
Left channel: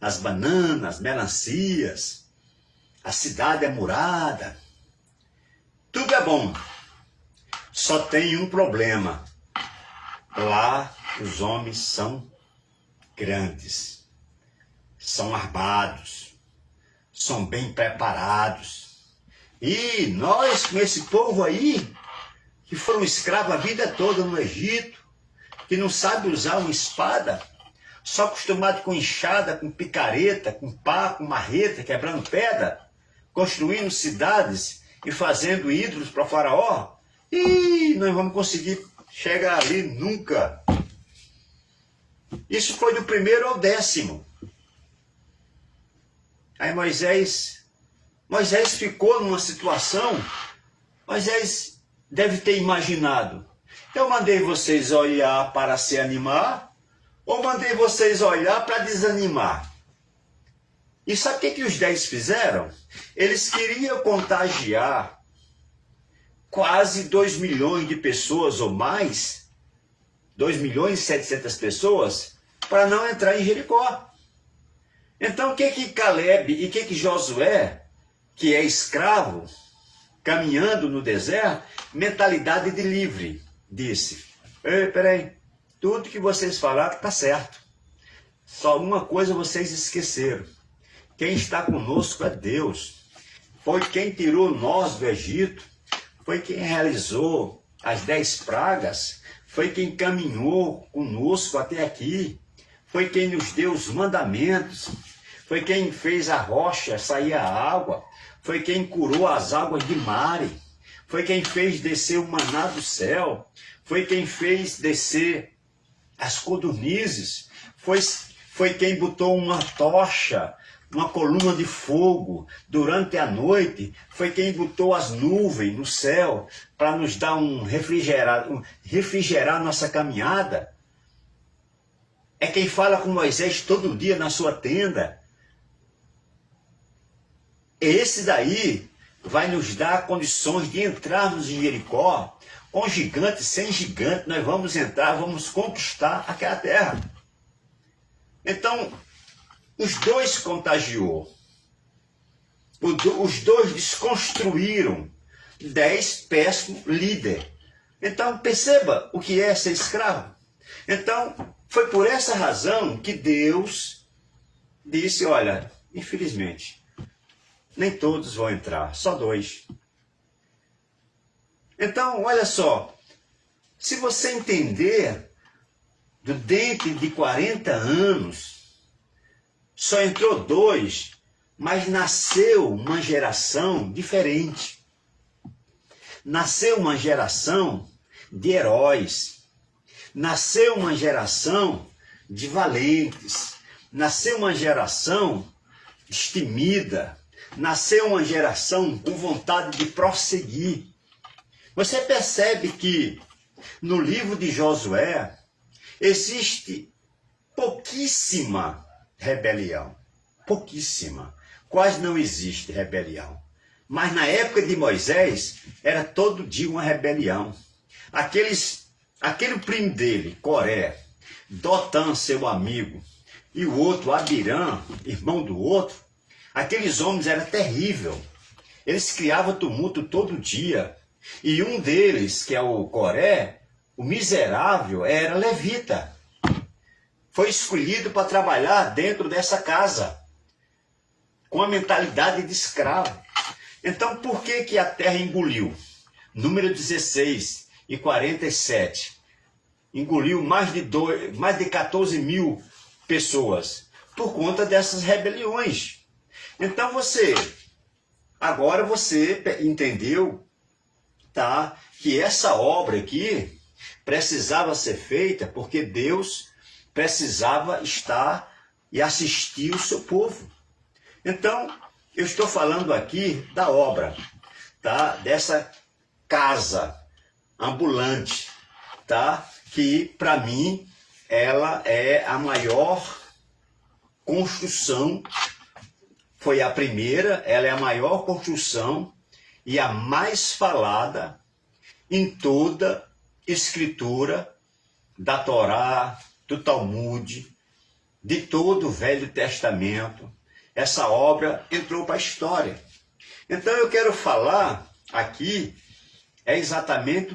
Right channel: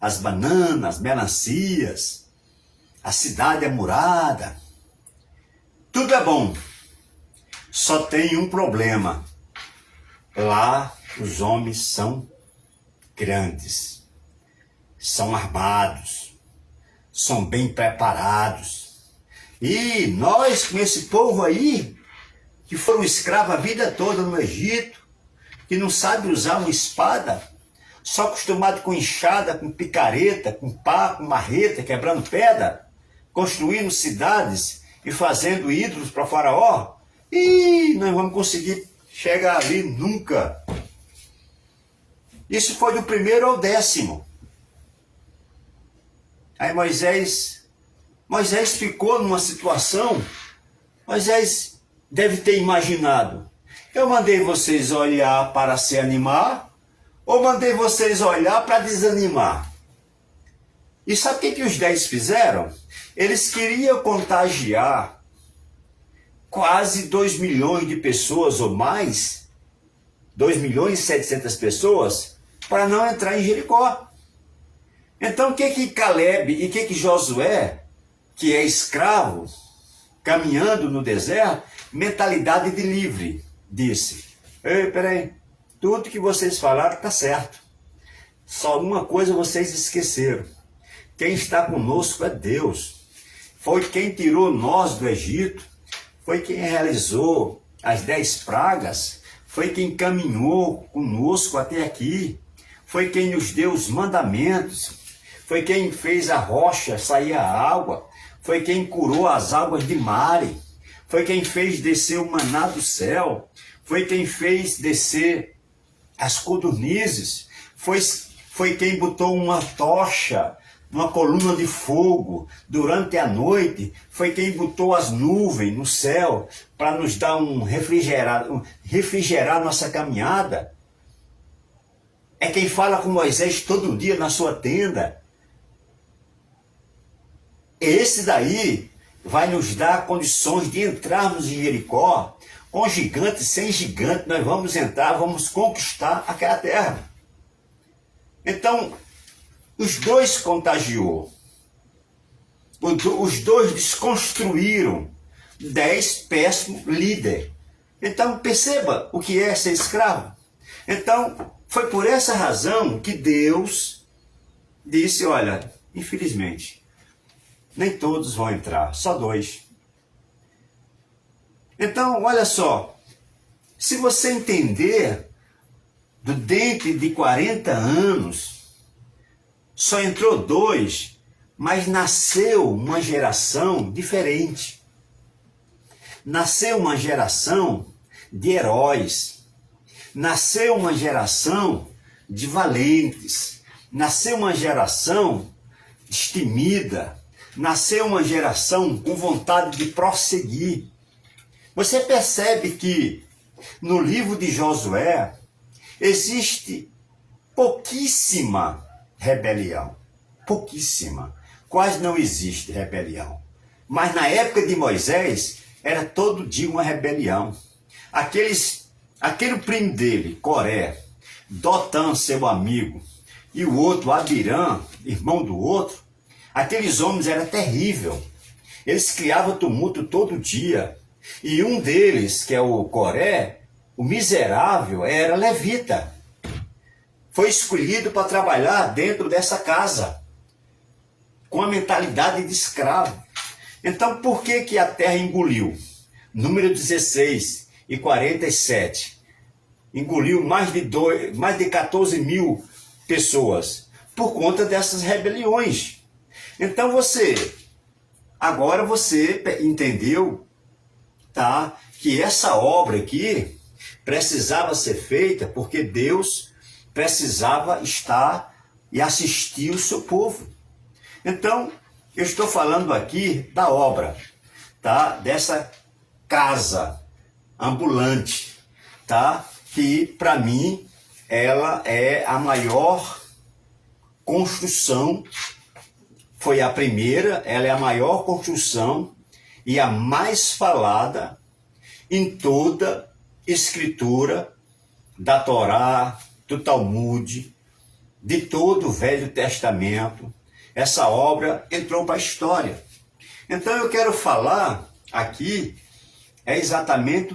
as bananas, melancias, a cidade é murada, tudo é bom. Só tem um problema. Lá os homens são grandes, são armados, são bem preparados. E nós, com esse povo aí, que foram escravos a vida toda no Egito, que não sabe usar uma espada, só acostumado com enxada, com picareta, com pá, com marreta, quebrando pedra, construindo cidades e fazendo ídolos para Faraó, e nós vamos conseguir chegar ali nunca. Isso foi do 1º ao 10º. Aí Moisés ficou numa situação, Moisés deve ter imaginado, eu mandei vocês olhar para se animar, ou mandei vocês olhar para desanimar? E sabe o que os 10 fizeram? Eles queriam contagiar quase 2 milhões de pessoas ou mais, 2.700.000 pessoas, para não entrar em Jericó. Então o que Caleb e o que Josué, que é escravo, caminhando no deserto, mentalidade de livre, disse, ei, peraí, tudo que vocês falaram está certo. Só uma coisa vocês esqueceram. Quem está conosco é Deus. Foi quem tirou nós do Egito. Foi quem realizou as 10 pragas. Foi quem caminhou conosco até aqui. Foi quem nos deu os mandamentos. Foi quem fez a rocha sair a água. Foi quem curou as águas de Mare. Foi quem fez descer o maná do céu. Foi quem fez descer as codornizes. Foi quem botou uma tocha, uma coluna de fogo durante a noite. Foi quem botou as nuvens no céu para nos dar refrigerar nossa caminhada. É quem fala com Moisés todo dia na sua tenda. Esse daí vai nos dar condições de entrarmos em Jericó. Com gigante, sem gigante, nós vamos entrar, vamos conquistar aquela terra. Então, os 2 contagiou. Os 2 desconstruíram 10 péssimos líderes. Então, perceba o que é ser escravo. Então, foi por essa razão que Deus disse, olha, infelizmente, nem todos vão entrar, só 2. Então, olha só, se você entender, dentro de 40 anos, só entrou 2, mas nasceu uma geração diferente. Nasceu uma geração de heróis. Nasceu uma geração de valentes. Nasceu uma geração destemida. Nasceu uma geração com vontade de prosseguir. Você percebe que no livro de Josué existe pouquíssima rebelião. Pouquíssima. quase não existe rebelião. Mas na época de Moisés, era todo dia uma rebelião. Aquele primo dele, Coré, Dotã, seu amigo, e o outro, Abirã, irmão do outro, aqueles homens eram terríveis. Eles criavam tumulto todo dia. E um deles, que é o Coré, o miserável, era levita. Foi escolhido para trabalhar dentro dessa casa, com a mentalidade de escravo. Então, por que a terra engoliu? Número 16 e 47. Engoliu mais de 14 mil pessoas por conta dessas rebeliões. Então agora você entendeu, tá, que essa obra aqui precisava ser feita porque Deus precisava estar e assistir o seu povo. Então, eu estou falando aqui da obra, tá, dessa casa ambulante, tá, que para mim ela é a maior construção, foi a primeira, ela é a maior construção e a mais falada em toda escritura da Torá, do Talmud, de todo o Velho Testamento. Essa obra entrou para a história. Então eu quero falar aqui exatamente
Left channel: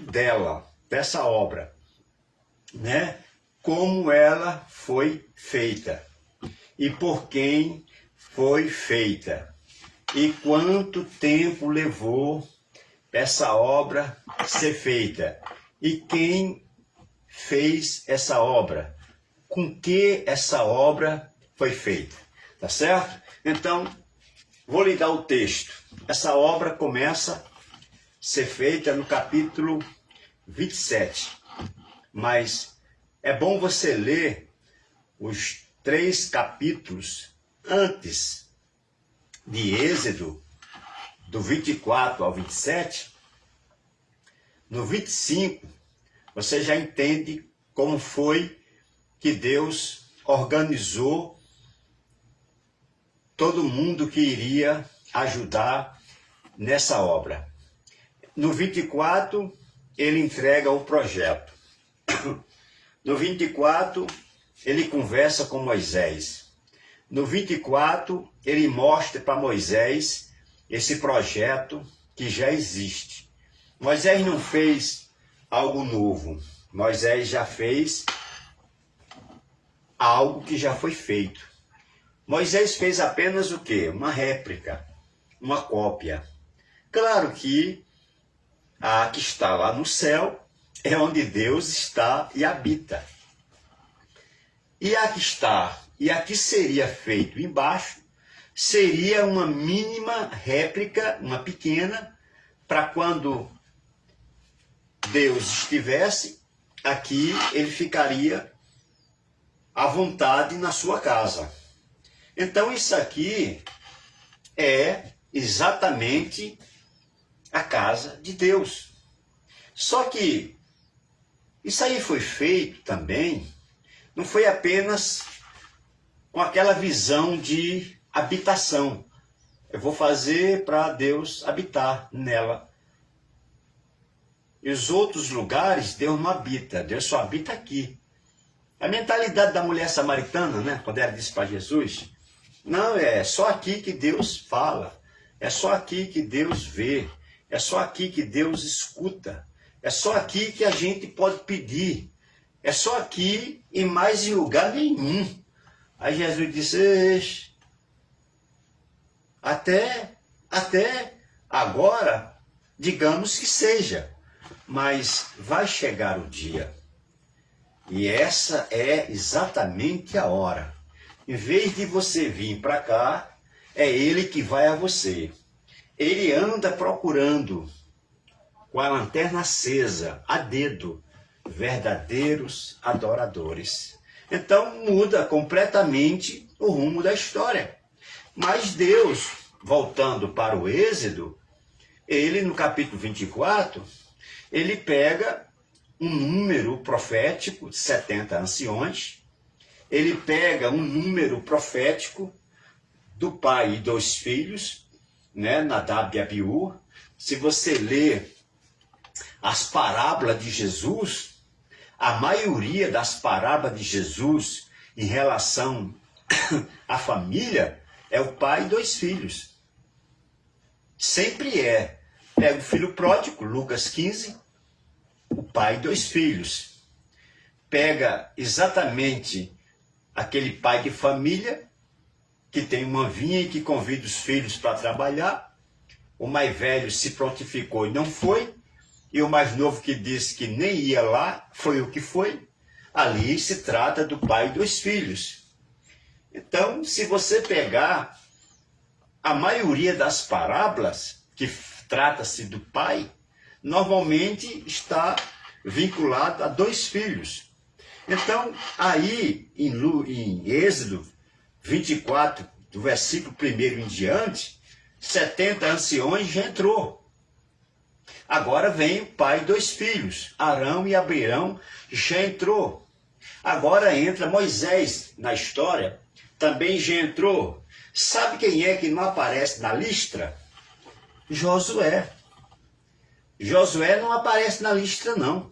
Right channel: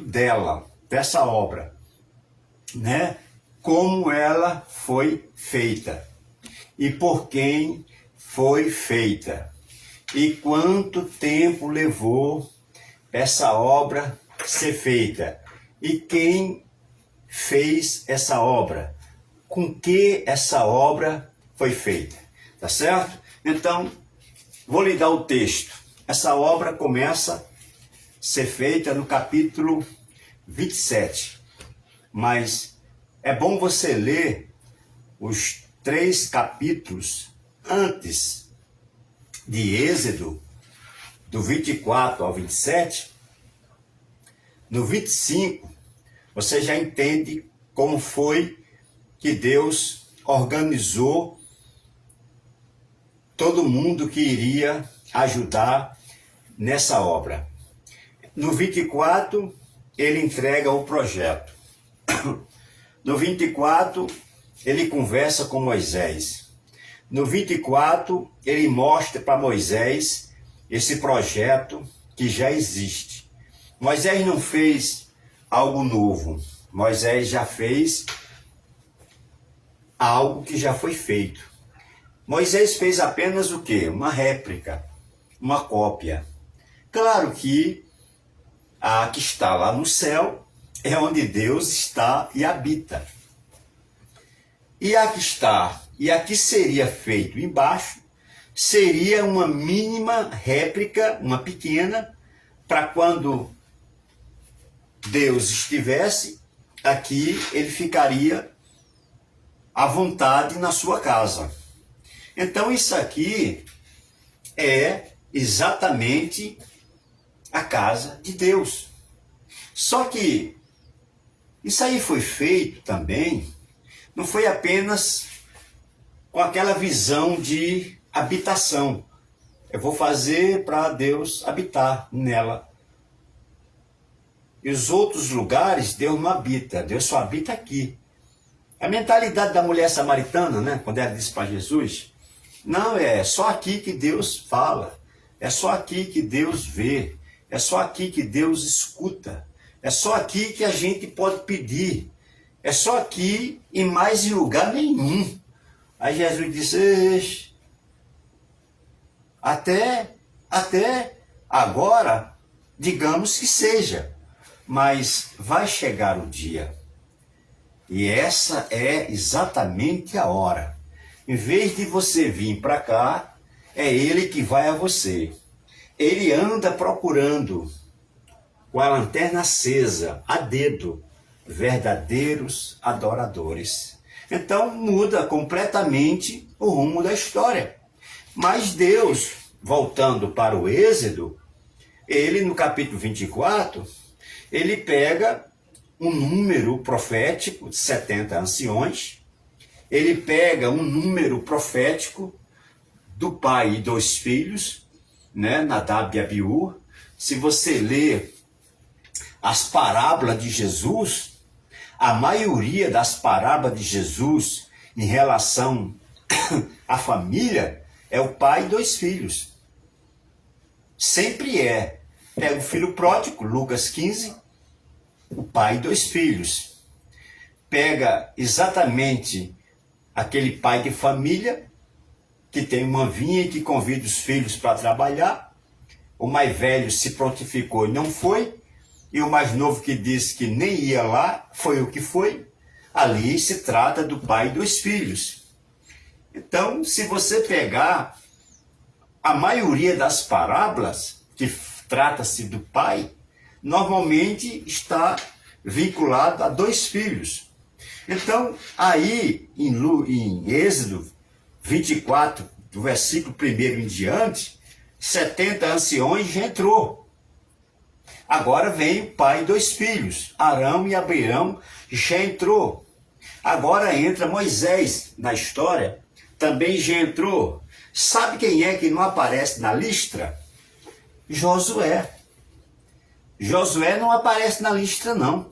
dessa obra, né? Como ela foi feita e por quem foi feita e quanto tempo levou essa obra ser feita e quem fez essa obra, com que essa obra foi feita, tá certo? Então, vou lhe dar o texto. Essa obra começa a ser feita no capítulo 27, mas é bom você ler os 3 capítulos antes de Êxodo, do 24 ao 27. No 25, você já entende como foi que Deus organizou todo mundo que iria ajudar nessa obra. No 24, ele entrega o projeto. No 24, ele conversa com Moisés. No 24, ele mostra para Moisés esse projeto que já existe. Moisés não fez algo novo. Moisés já fez algo que já foi feito. Moisés fez apenas o quê? Uma réplica, uma cópia. Claro que a que está lá no céu é onde Deus está e habita. E a que está e a que seria feito embaixo seria uma mínima réplica, uma pequena, para quando Deus estivesse aqui, ele ficaria à vontade na sua casa. Então isso aqui é exatamente a casa de Deus. Só que isso aí foi feito também, não foi apenas com aquela visão de habitação. Eu vou fazer para Deus habitar nela. E os outros lugares Deus não habita, Deus só habita aqui. A mentalidade da mulher samaritana, né, quando ela disse para Jesus, não, é só aqui que Deus fala, é só aqui que Deus vê, é só aqui que Deus escuta, é só aqui que a gente pode pedir, é só aqui e mais em lugar nenhum. Aí Jesus disse, até agora, digamos que seja, mas vai chegar o dia. E essa é exatamente a hora. Em vez de você vir para cá, é ele que vai a você. Ele anda procurando, com a lanterna acesa, a dedo, verdadeiros adoradores. Então muda completamente o rumo da história. Mas Deus, voltando para o Êxodo, ele no capítulo 24, ele pega um número profético, 70 anciões, ele pega um número profético do pai e dos filhos, né, Nadab e Abiú. Se você ler as parábolas de Jesus, a maioria das parábolas de Jesus em relação à família é o pai e dois filhos. Sempre é. Pega o filho pródigo, Lucas 15, o pai e dois filhos. Pega exatamente aquele pai de família que tem uma vinha e que convida os filhos para trabalhar. O mais velho se prontificou e não foi. E o mais novo que disse que nem ia lá, foi o que foi. Ali se trata do pai e dos filhos. Então, se você pegar a maioria das parábolas, que trata-se do pai, normalmente está vinculado a dois filhos. Então, aí em Êxodo 24, do versículo 1 em diante, 70 anciões já entrou. Agora vem o pai e dois filhos, Arão e Abião já entrou. Agora entra Moisés na história, também já entrou. Sabe quem é que não aparece na lista? Josué. Josué não aparece na lista, não.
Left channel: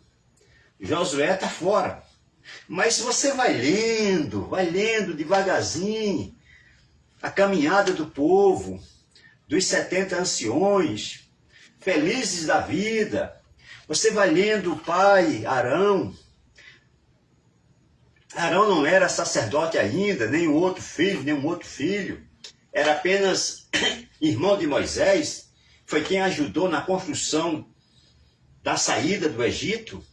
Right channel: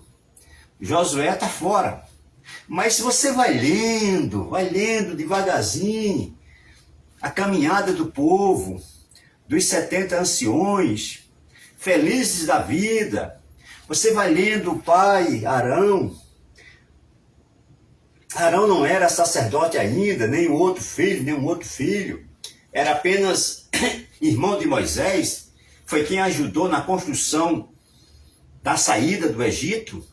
Josué está fora. Mas se você vai lendo devagarzinho, a caminhada do povo, dos 70 anciões, felizes da vida, você vai lendo o pai, Arão. Arão não era sacerdote ainda, nem um outro filho. Era apenas irmão de Moisés, foi quem ajudou na construção da saída do Egito.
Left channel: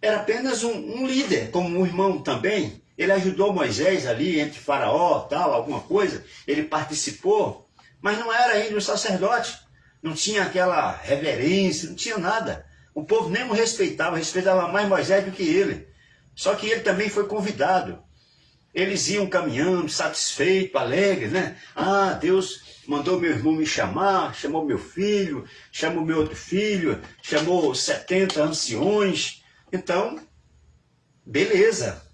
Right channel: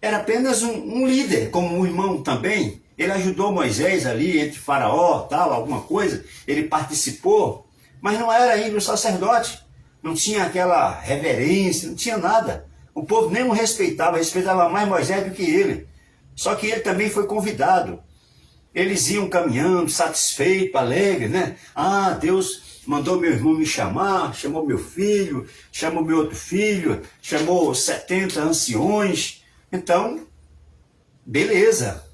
Era apenas um líder, como um irmão também. Ele ajudou Moisés ali, entre faraó, tal, alguma coisa. Ele participou, mas não era ainda um sacerdote. Não tinha aquela reverência, não tinha nada. O povo nem o respeitava mais Moisés do que ele. Só que ele também foi convidado. Eles iam caminhando, satisfeitos, alegres, né? Ah, Deus mandou meu irmão me chamar, chamou meu filho, chamou meu outro filho, chamou 70 anciões. Então, beleza.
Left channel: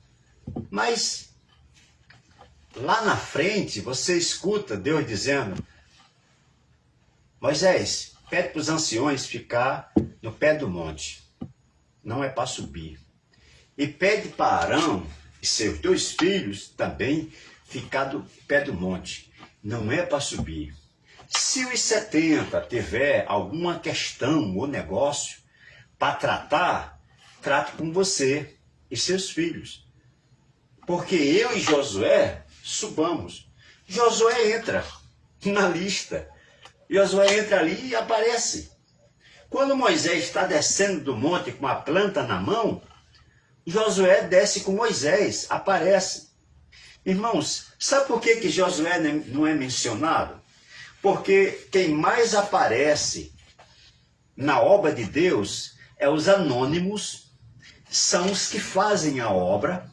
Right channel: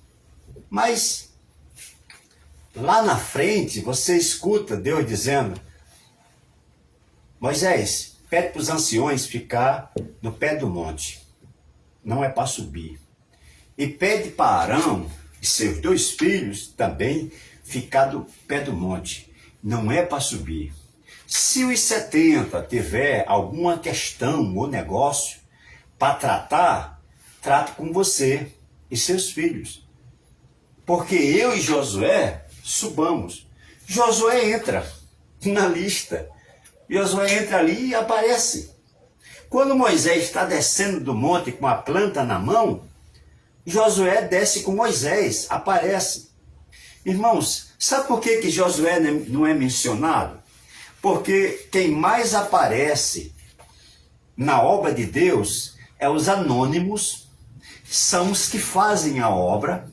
Mas, lá na frente, você escuta Deus dizendo: Moisés, pede para os anciões ficar no pé do monte. Não é para subir. E pede para Arão e seus dois filhos também ficar do pé do monte. Não é para subir. Se os 70 tiver alguma questão ou negócio para tratar, trate com você e seus filhos. Porque eu e Josué subamos. Josué entra na lista. Josué entra ali e aparece. Quando Moisés está descendo do monte com a planta na mão, Josué desce com Moisés, aparece. Irmãos, sabe por que Josué não é mencionado? Porque quem mais aparece na obra de Deus é os anônimos, são os que fazem a obra,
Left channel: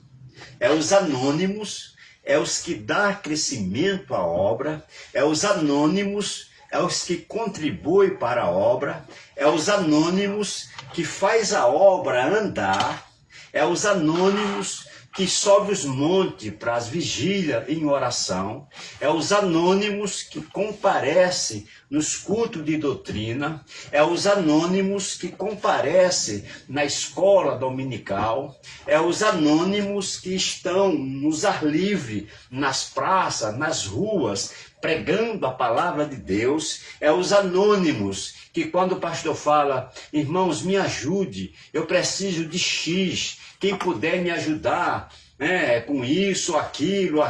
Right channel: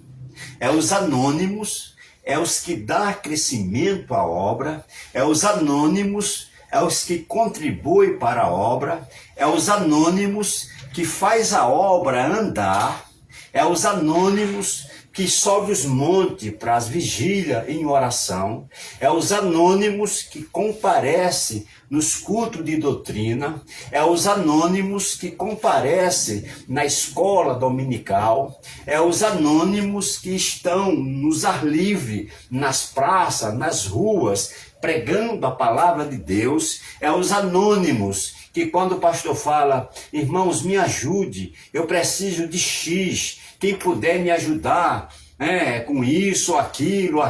é os anônimos, é os que dão crescimento à obra, é os anônimos, é os que contribuem para a obra, é os anônimos que faz a obra andar, é os anônimos que sobe os montes para as vigílias em oração, é os anônimos que comparecem nos cultos de doutrina, é os anônimos que comparecem na escola dominical, é os anônimos que estão nos ar livre, nas praças, nas ruas, pregando a palavra de Deus, é os anônimos que quando o pastor fala: irmãos, me ajude, eu preciso de X, quem puder me ajudar, com isso, aquilo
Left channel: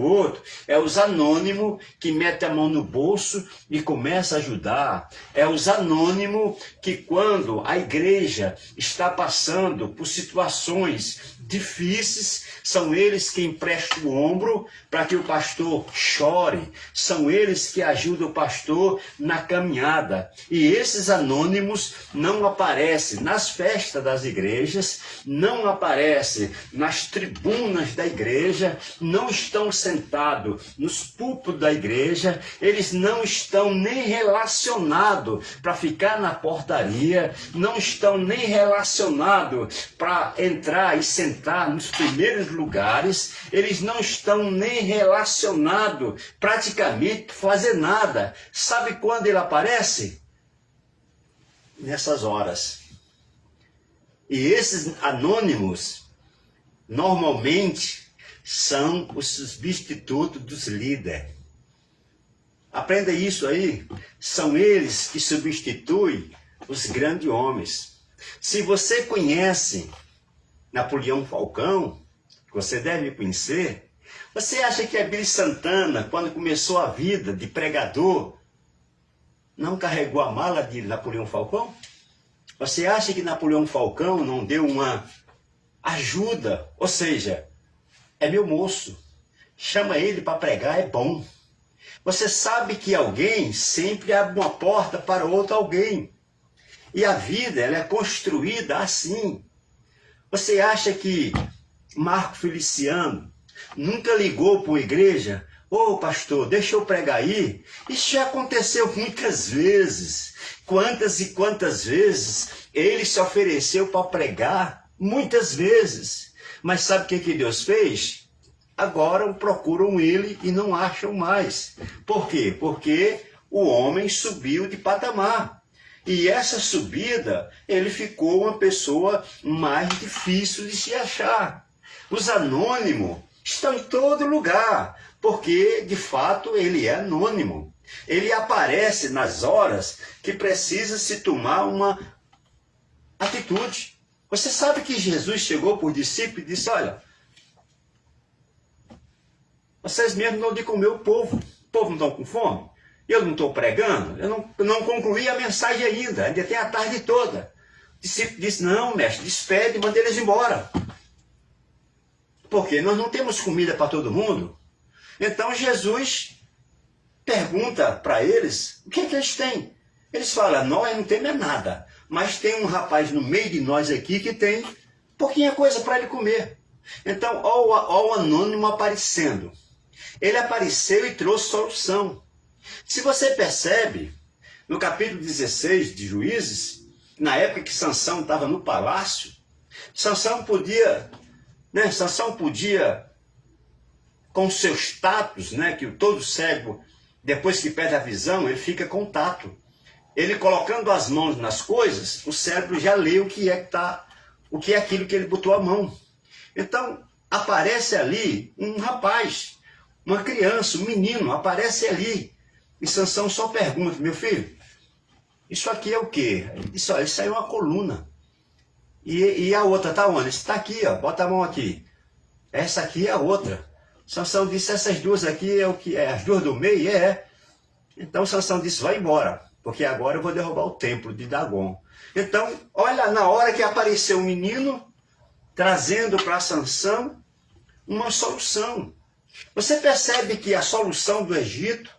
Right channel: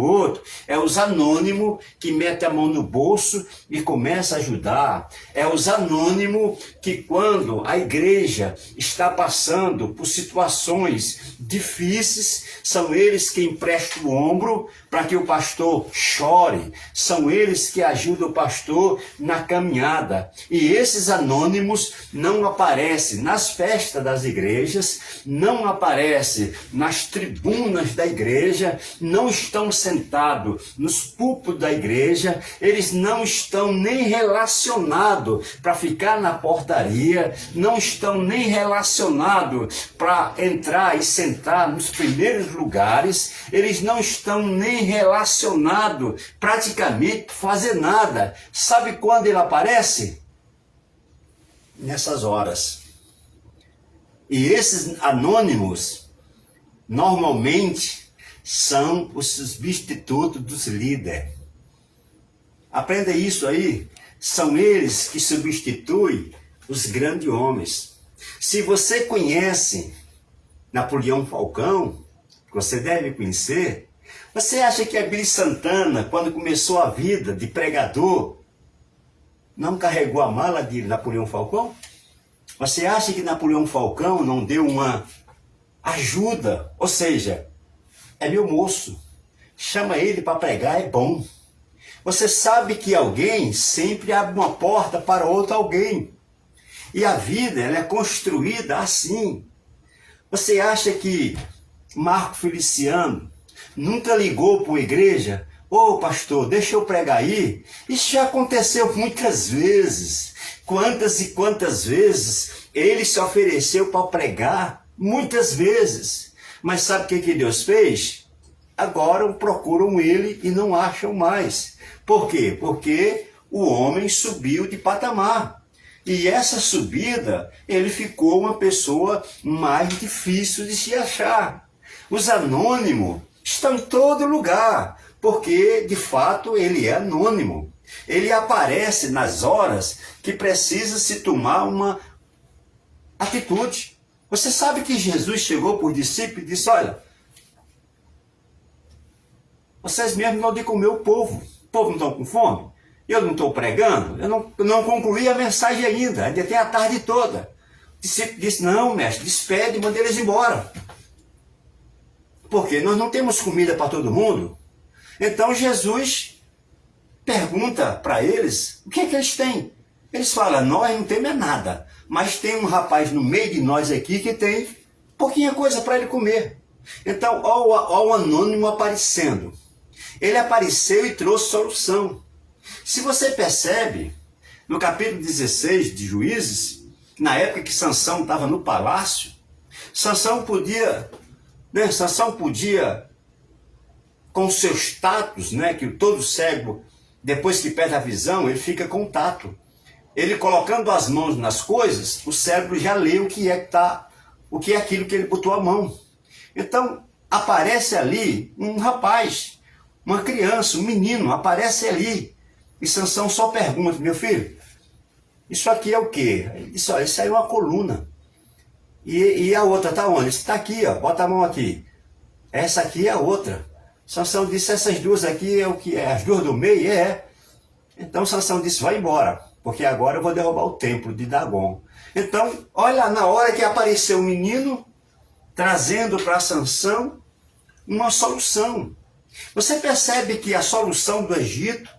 outro. É os anônimos que metem a mão no bolso e começa a ajudar. É os anônimos que quando a igreja está passando por situações difíceis, são eles que emprestam o ombro para que o pastor chore. São eles que ajudam o pastor na caminhada. E esses anônimos não aparecem nas festas das igrejas, não aparecem nas tribunas da igreja, não estão sentados nos púlpitos da igreja, eles não estão nem relacionados para ficar na portaria, não estão nem relacionados para entrar e sentar nos primeiros lugares, eles não estão nem relacionado, praticamente fazer nada. Sabe quando ele aparece? Nessas horas. E esses anônimos, normalmente, são os substitutos dos líderes. Aprenda isso aí. São eles que substituem os grandes homens. Se você conhece Napoleão Falcão, você deve conhecer, você acha que Abílio Santana, quando começou a vida de pregador, não carregou a mala de Napoleão Falcão? Você acha que Napoleão Falcão não deu uma ajuda? Ou seja, é meu moço, chama ele para pregar, é bom. Você sabe que alguém sempre abre uma porta para outro alguém. E a vida, ela é construída assim. Você acha que Marco Feliciano nunca ligou para uma igreja? Ô pastor, deixa eu pregar aí. Isso já aconteceu muitas vezes. Quantas e quantas vezes ele se ofereceu para pregar? Muitas vezes. Mas sabe o que Deus fez? Agora procuram ele e não acham mais. Por quê? Porque o homem subiu de patamar. E essa subida, ele ficou uma pessoa mais difícil de se achar. Os anônimos estão em todo lugar, porque, de fato, ele é anônimo. Ele aparece nas horas que precisa se tomar uma atitude. Você sabe que Jesus chegou por discípulos e disse, olha, vocês mesmos dão de comer o povo não estão com fome? Eu não estou pregando? Eu não concluí a mensagem ainda tem a tarde toda. O discípulo disse, não, mestre, despede e manda eles embora. Porque nós não temos comida para todo mundo. Então Jesus pergunta para eles, o que é que eles têm? Eles falam, nós não temos nada, mas tem um rapaz no meio de nós aqui que tem pouquinha coisa para ele comer. Então, olha o anônimo aparecendo. Ele apareceu e trouxe solução. Se você percebe, no capítulo 16 de Juízes, na época que Sansão estava no palácio, Sansão podia, com seu status, que todo cego, depois que perde a visão, ele fica com tato. Ele colocando as mãos nas coisas, o cérebro já lê o que é aquilo que ele botou a mão. Então, aparece ali um rapaz, uma criança, um menino, aparece ali. E Sansão só pergunta, meu filho, isso aqui é o quê? Ele disse, olha, isso aí é uma coluna. E a outra está onde? Está aqui, ó, bota a mão aqui. Essa aqui é a outra. Sansão disse, essas duas aqui é o que é? As duas do meio? É. Então Sansão disse, vai embora, porque agora eu vou derrubar o templo de Dagon. Então, olha, na hora que apareceu o menino, trazendo para Sansão uma solução. Você percebe que a solução do Egito,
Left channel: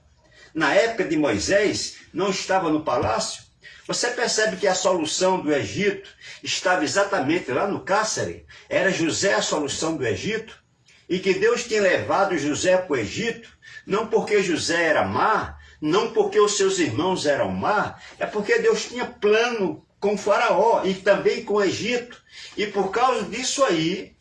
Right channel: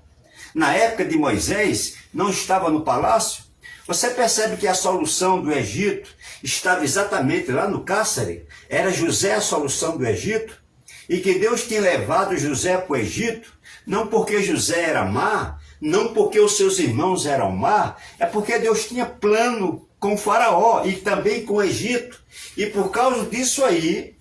na época de Moisés, não estava no palácio? Você percebe que a solução do Egito estava exatamente lá no cárcere? Era José a solução do Egito? E que Deus tinha levado José para o Egito, não porque José era má, não porque os seus irmãos eram má, é porque Deus tinha plano com o Faraó e também com o Egito. E por causa disso aí,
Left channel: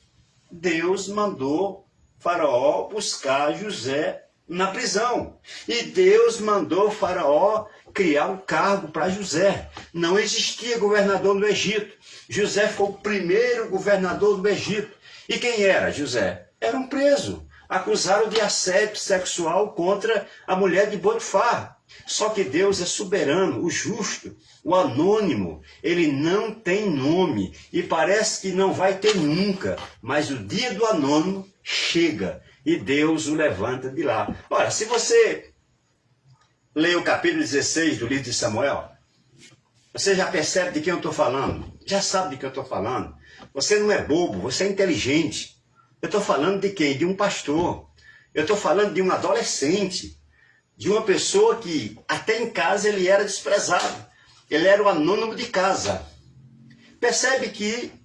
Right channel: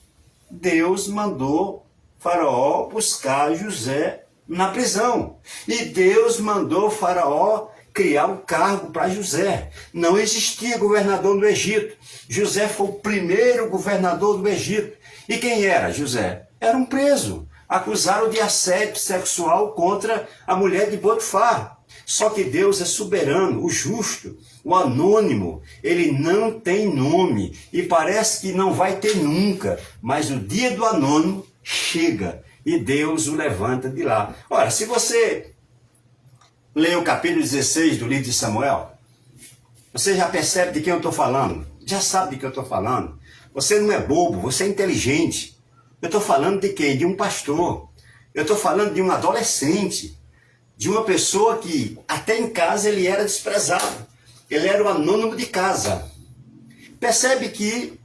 Deus mandou Faraó buscar José na prisão. E Deus mandou Faraó criar um cargo para José. Não existia governador do Egito. José foi o primeiro governador do Egito. E quem era José? Era um preso. Acusaram de assédio sexual contra a mulher de Potifar. Só que Deus é soberano, o justo, o anônimo. Ele não tem nome e parece que não vai ter nunca. Mas o dia do anônimo chega e Deus o levanta de lá. Ora, se você lê o capítulo 16 do livro de Samuel, você já percebe de quem eu estou falando. Já sabe de quem eu estou falando. Você não é bobo, você é inteligente. Eu estou falando de quem? De um pastor. Eu estou falando de um adolescente. De uma pessoa que até em casa ele era desprezado. Ele era o anônimo de casa. Percebe que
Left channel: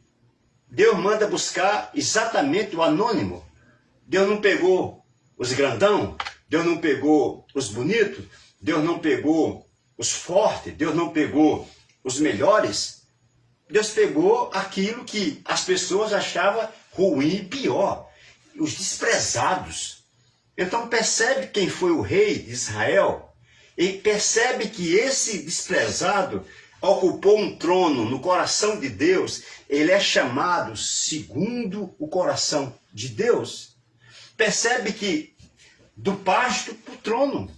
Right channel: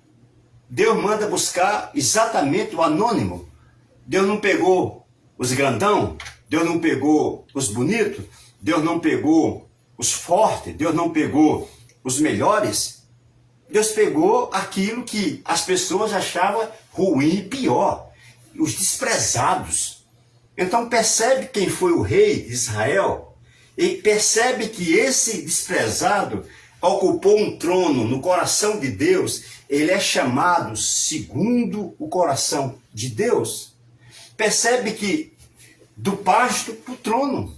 Deus manda buscar exatamente o anônimo. Deus não pegou os grandão, Deus não pegou os bonitos, Deus não pegou os fortes, Deus não pegou os melhores. Deus pegou aquilo que as pessoas achavam ruim e pior, os desprezados. Então percebe quem foi o rei de Israel e percebe que esse desprezado ocupou um trono no coração de Deus. Ele é chamado segundo o coração de Deus. Percebe que do pasto para o trono.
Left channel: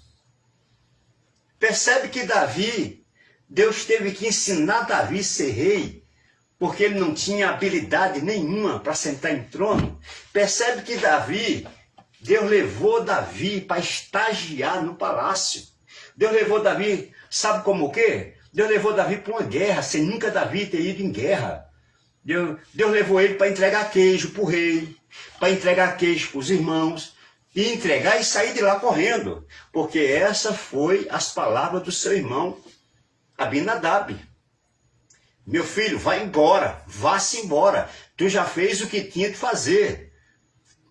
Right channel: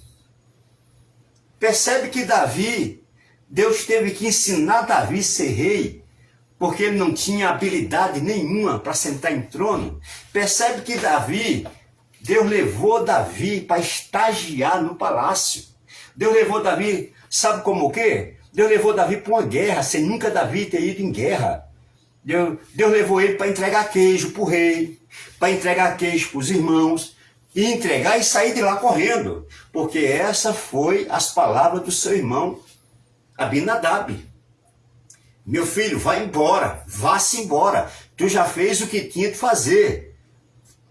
Percebe que Davi, Deus teve que ensinar Davi a ser rei, porque ele não tinha habilidade nenhuma para sentar em trono. Percebe que Davi, Deus levou Davi para estagiar no palácio. Deus levou Davi, sabe como o quê? Deus levou Davi para uma guerra, sem nunca Davi ter ido em guerra. Deus levou ele para entregar queijo para o rei, para entregar queijo para os irmãos, e entregar e sair de lá correndo, porque essa foi as palavras do seu irmão Abinadab. Meu filho, vai embora, vá-se embora, tu já fez o que tinha de fazer.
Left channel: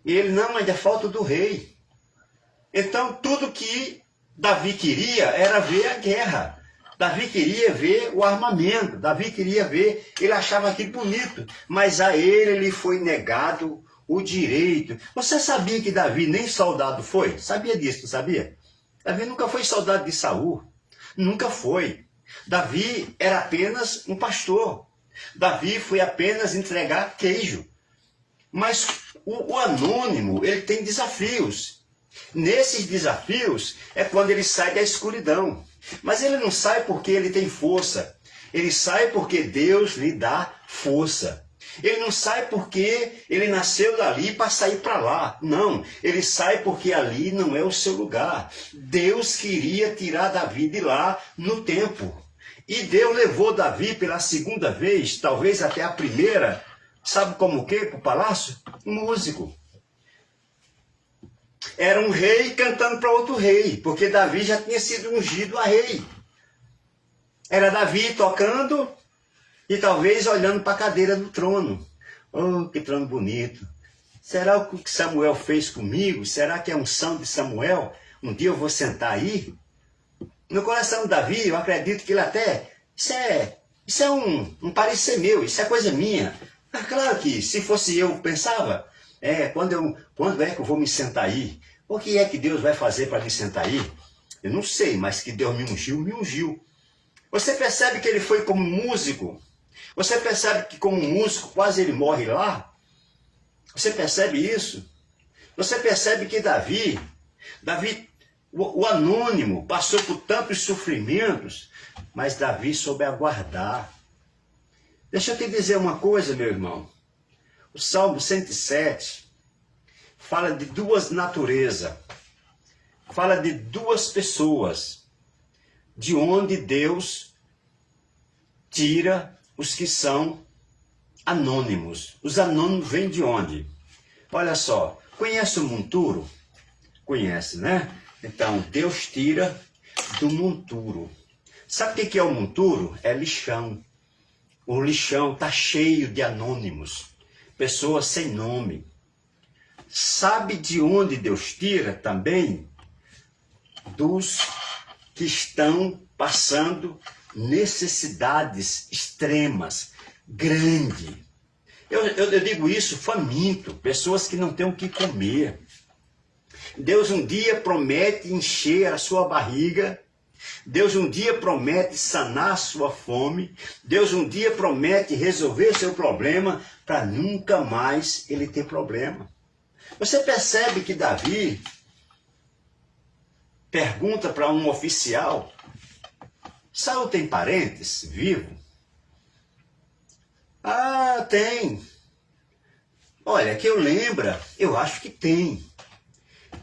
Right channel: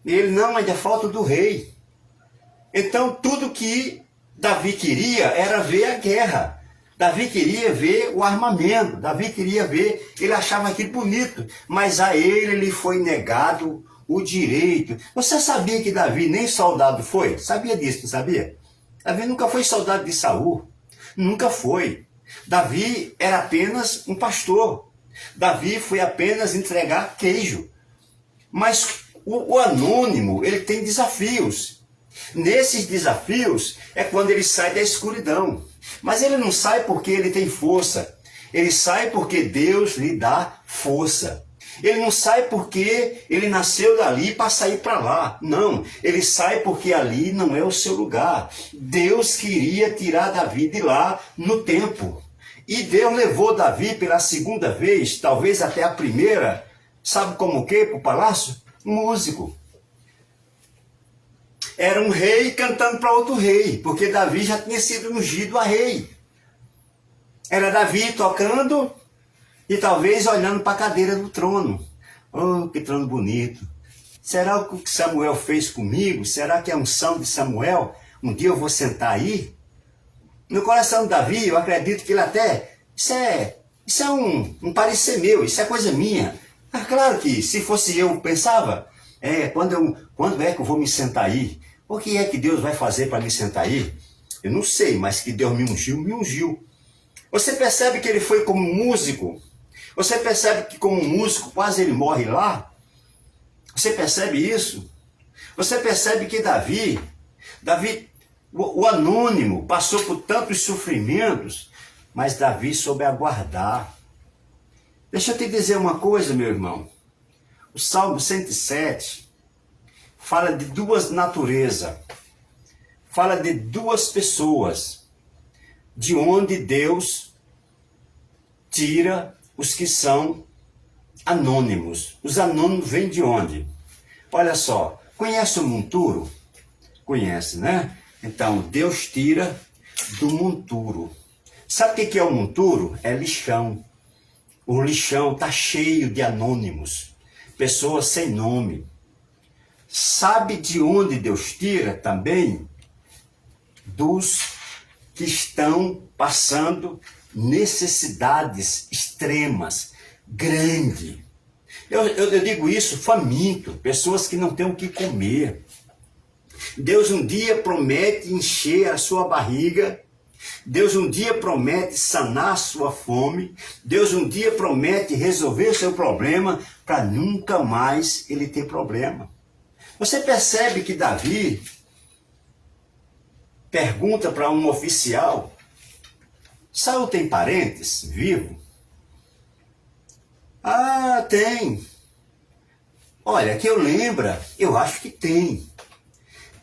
E ele, não, ainda falta do rei. Então tudo que Davi queria era ver a guerra. Davi queria ver o armamento, Davi queria ver, ele achava aquilo bonito, mas a ele foi negado o direito. Você sabia que Davi nem soldado foi? Sabia disso, não sabia? Davi nunca foi soldado de Saul. Nunca foi. Davi era apenas um pastor. Davi foi apenas entregar queijo. Mas o anônimo, ele tem desafios. Nesses desafios é quando ele sai da escuridão. Mas ele não sai porque ele tem força. Ele sai porque Deus lhe dá força. Ele não sai porque ele nasceu dali para sair para lá. Não, ele sai porque ali não é o seu lugar. Deus queria tirar Davi de lá no tempo. E Deus levou Davi pela segunda vez, talvez até a primeira, sabe como o quê? Para o palácio? Músico. Era um rei cantando para outro rei, porque Davi já tinha sido ungido a rei. Era Davi tocando e talvez olhando para a cadeira do trono. Oh, que trono bonito. Será o que Samuel fez comigo? Será que é a unção de Samuel? Um dia eu vou sentar aí? No coração de Davi, eu acredito que ele até... Isso é um parecer meu, isso é coisa minha. Ah, claro que se fosse eu, pensava, quando é que eu vou me sentar aí? O que é que Deus vai fazer para me sentar aí? Eu não sei, mas que Deus me ungiu, me ungiu. Você percebe que ele foi como músico? Você percebe que como músico quase ele morre lá? Você percebe isso? Você percebe que Davi, o anônimo, passou por tantos sofrimentos, mas Davi soube aguardar. Deixa eu te dizer uma coisa, meu irmão. O Salmo 107 fala de duas naturezas. Fala de duas pessoas. De onde Deus tira os que são anônimos. Os anônimos vêm de onde? Olha só, conhece o monturo? Conhece, né? Então, Deus tira do monturo. Sabe o que é o monturo? É lixão. O lixão está cheio de anônimos. Pessoas sem nome. Sabe de onde Deus tira também? Dos que estão passando necessidades extremas, grandes. Eu digo isso faminto, pessoas que não têm o que comer. Deus um dia promete encher a sua barriga, Deus um dia promete sanar a sua fome, Deus um dia promete resolver o seu problema para nunca mais ele ter problema. Você percebe que Davi pergunta para um oficial, Saul tem parentes vivos? Ah, tem. Olha, que eu lembra, eu acho que tem.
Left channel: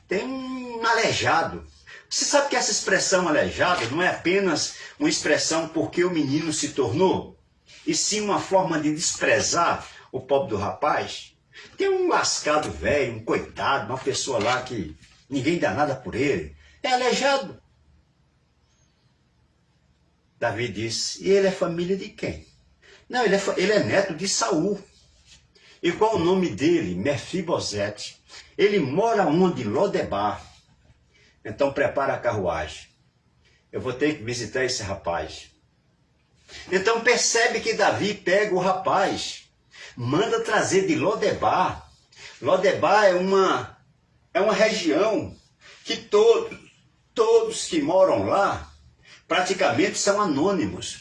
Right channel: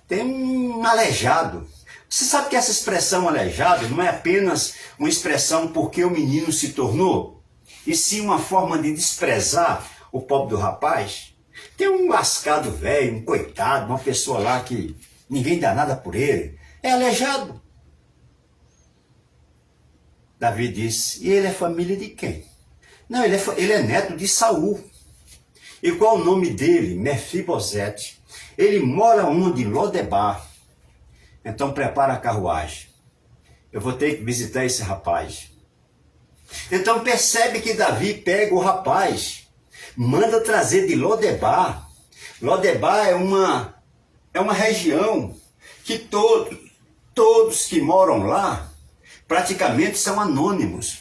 Tem um aleijado. Você sabe que essa expressão aleijado não é apenas uma expressão porque o menino se tornou, e sim uma forma de desprezar o pobre do rapaz. Tem um lascado velho, um coitado, uma pessoa lá que ninguém dá nada por ele. É aleijado. Davi disse, e ele é família de quem? Não, ele é neto de Saul. E qual o nome dele? Mefibosete. Ele mora onde? Lodebar. Então prepara a carruagem. Eu vou ter que visitar esse rapaz. Então percebe que Davi pega o rapaz, manda trazer de Lodebar. Lodebar é uma é uma região que todos que moram lá praticamente são anônimos.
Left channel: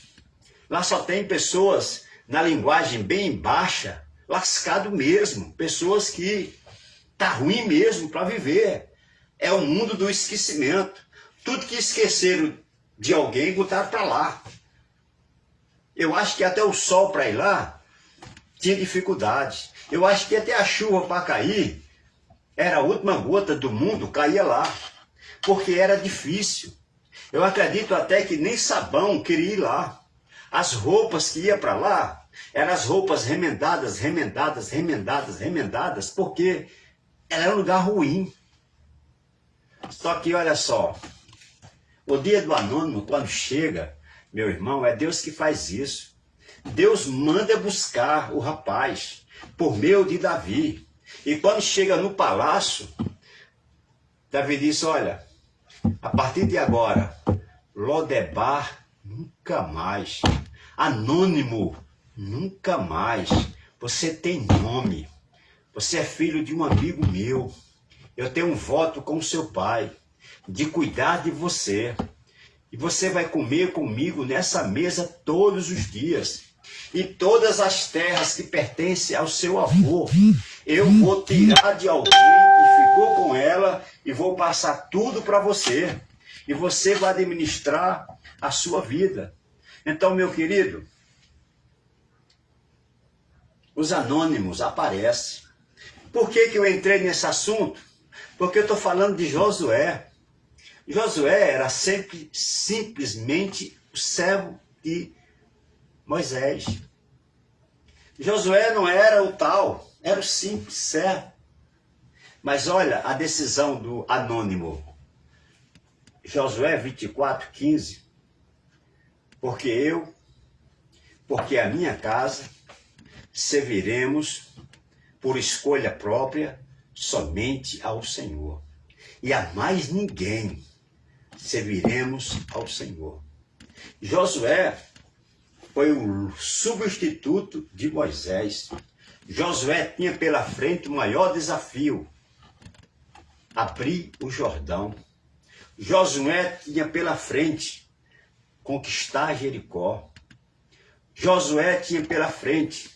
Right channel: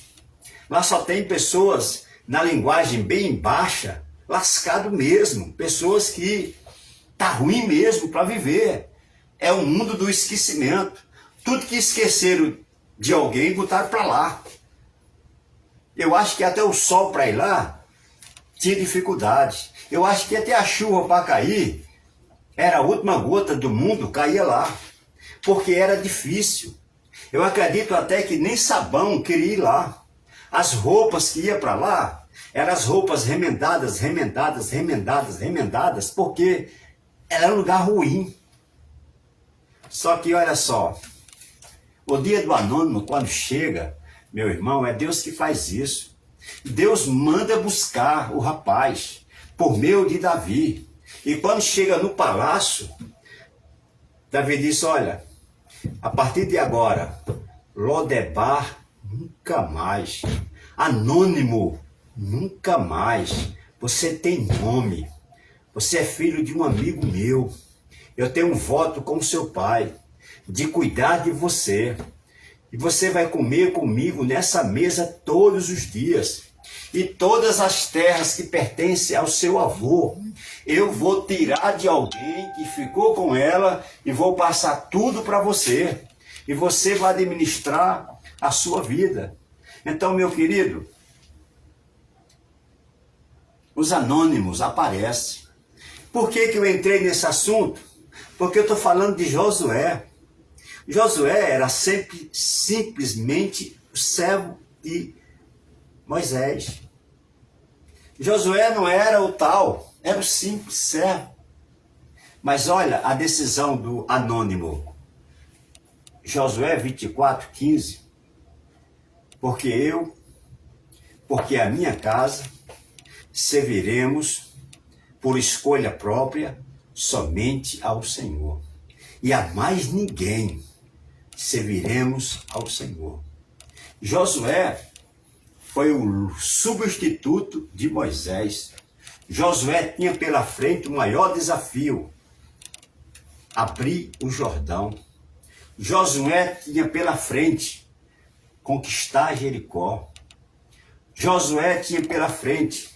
Lá só tem pessoas, na linguagem bem baixa, lascado mesmo, pessoas que tá ruim mesmo para viver. É o mundo do esquecimento. Tudo que esqueceram de alguém botaram para lá. Eu acho que até o sol para ir lá tinha dificuldade. Eu acho que até a chuva para cair, era a última gota do mundo, caía lá. Porque era difícil. Eu acredito até que nem sabão queria ir lá. As roupas que iam para lá, eram as roupas remendadas, porque era um lugar ruim. Só que olha só, o dia do anônimo, quando chega, meu irmão, é Deus que faz isso. Deus manda buscar o rapaz, por meio de Davi. E quando chega no palácio, Davi disse, olha, a partir de agora, Lodebar nunca mais, anônimo nunca mais, você tem nome, você é filho de um amigo meu, eu tenho um voto com seu pai, de cuidar de você, e você vai comer comigo nessa mesa todos os dias, e todas as terras que pertencem ao seu avô, eu vou tirar de alguém que ficou com ela, e vou passar tudo para você, e você vai administrar a sua vida. Então, meu querido, os anônimos aparecem. Por que eu entrei nesse assunto? Porque eu estou falando de Josué. Josué era simplesmente o servo de Moisés. Josué não era o tal, era o simples servo. Mas olha a decisão do anônimo. Josué 24:15. Porque a minha casa, serviremos por escolha própria somente ao Senhor. E a mais ninguém serviremos ao Senhor. Josué foi o substituto de Moisés. Josué tinha pela frente o maior desafio, abrir o Jordão. Josué tinha pela frente conquistar Jericó. Josué tinha pela frente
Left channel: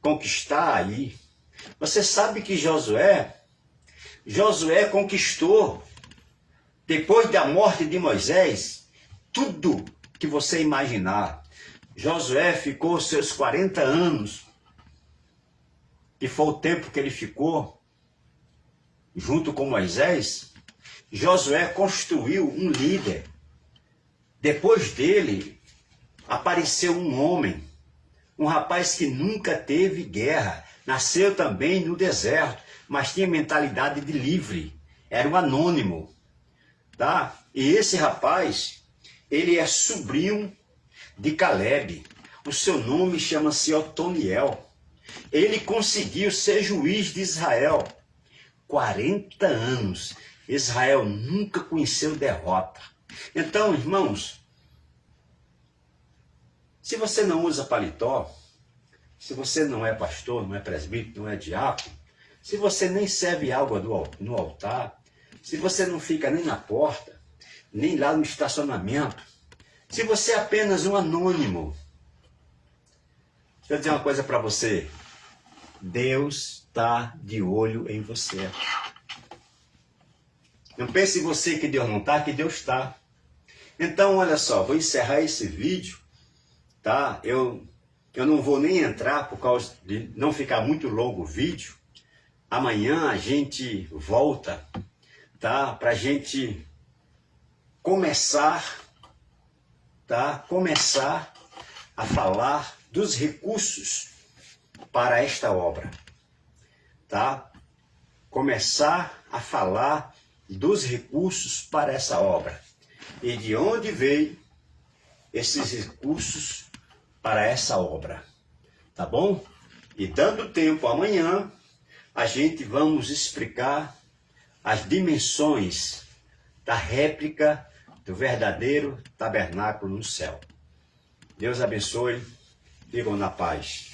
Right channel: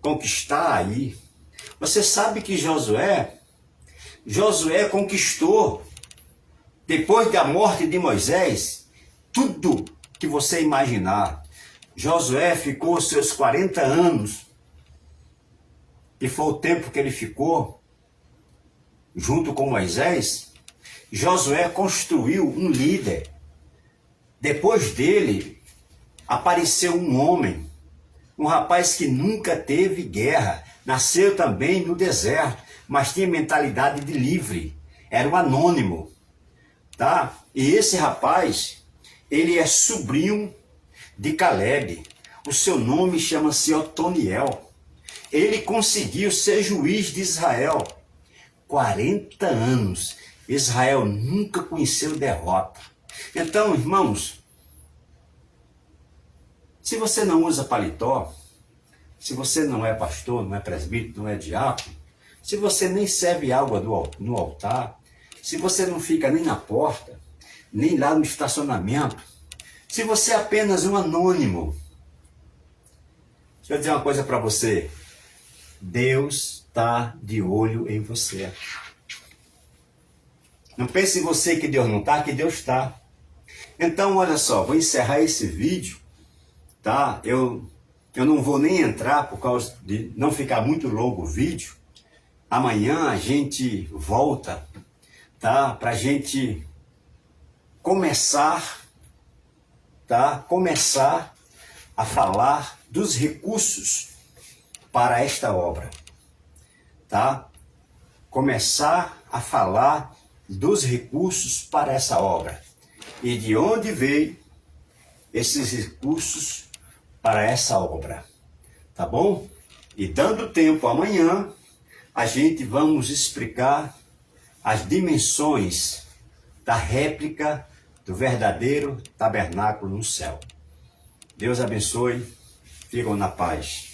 conquistar Ai. Você sabe que Josué conquistou, depois da morte de Moisés, tudo que você imaginar. Josué ficou seus 40 anos, que foi o tempo que ele ficou junto com Moisés. Josué construiu um líder. Depois dele, apareceu um homem, um rapaz que nunca teve guerra, nasceu também no deserto, mas tinha mentalidade de livre, era um anônimo, tá? E esse rapaz, ele é sobrinho de Caleb, o seu nome chama-se Otoniel. Ele conseguiu ser juiz de Israel, 40 anos, Israel nunca conheceu derrota. Então, irmãos, se você não usa paletó, se você não é pastor, não é presbítero, não é diácono, se você nem serve água no altar, se você não fica nem na porta, nem lá no estacionamento, se você é apenas um anônimo, deixa eu dizer uma coisa para você, Deus está de olho em você. Não pense em você que Deus não está, que Deus está. Então, olha só, vou encerrar esse vídeo, tá? Eu não vou nem entrar por causa de não ficar muito longo o vídeo. Amanhã a gente volta, tá? Para a gente começar, tá? Começar a falar dos recursos para esta obra, tá? Começar a falar dos recursos para essa obra e de onde veio esses recursos para essa obra, tá bom? E dando tempo amanhã, a gente vamos explicar as dimensões da réplica do verdadeiro tabernáculo no céu. Deus abençoe, ficam na paz.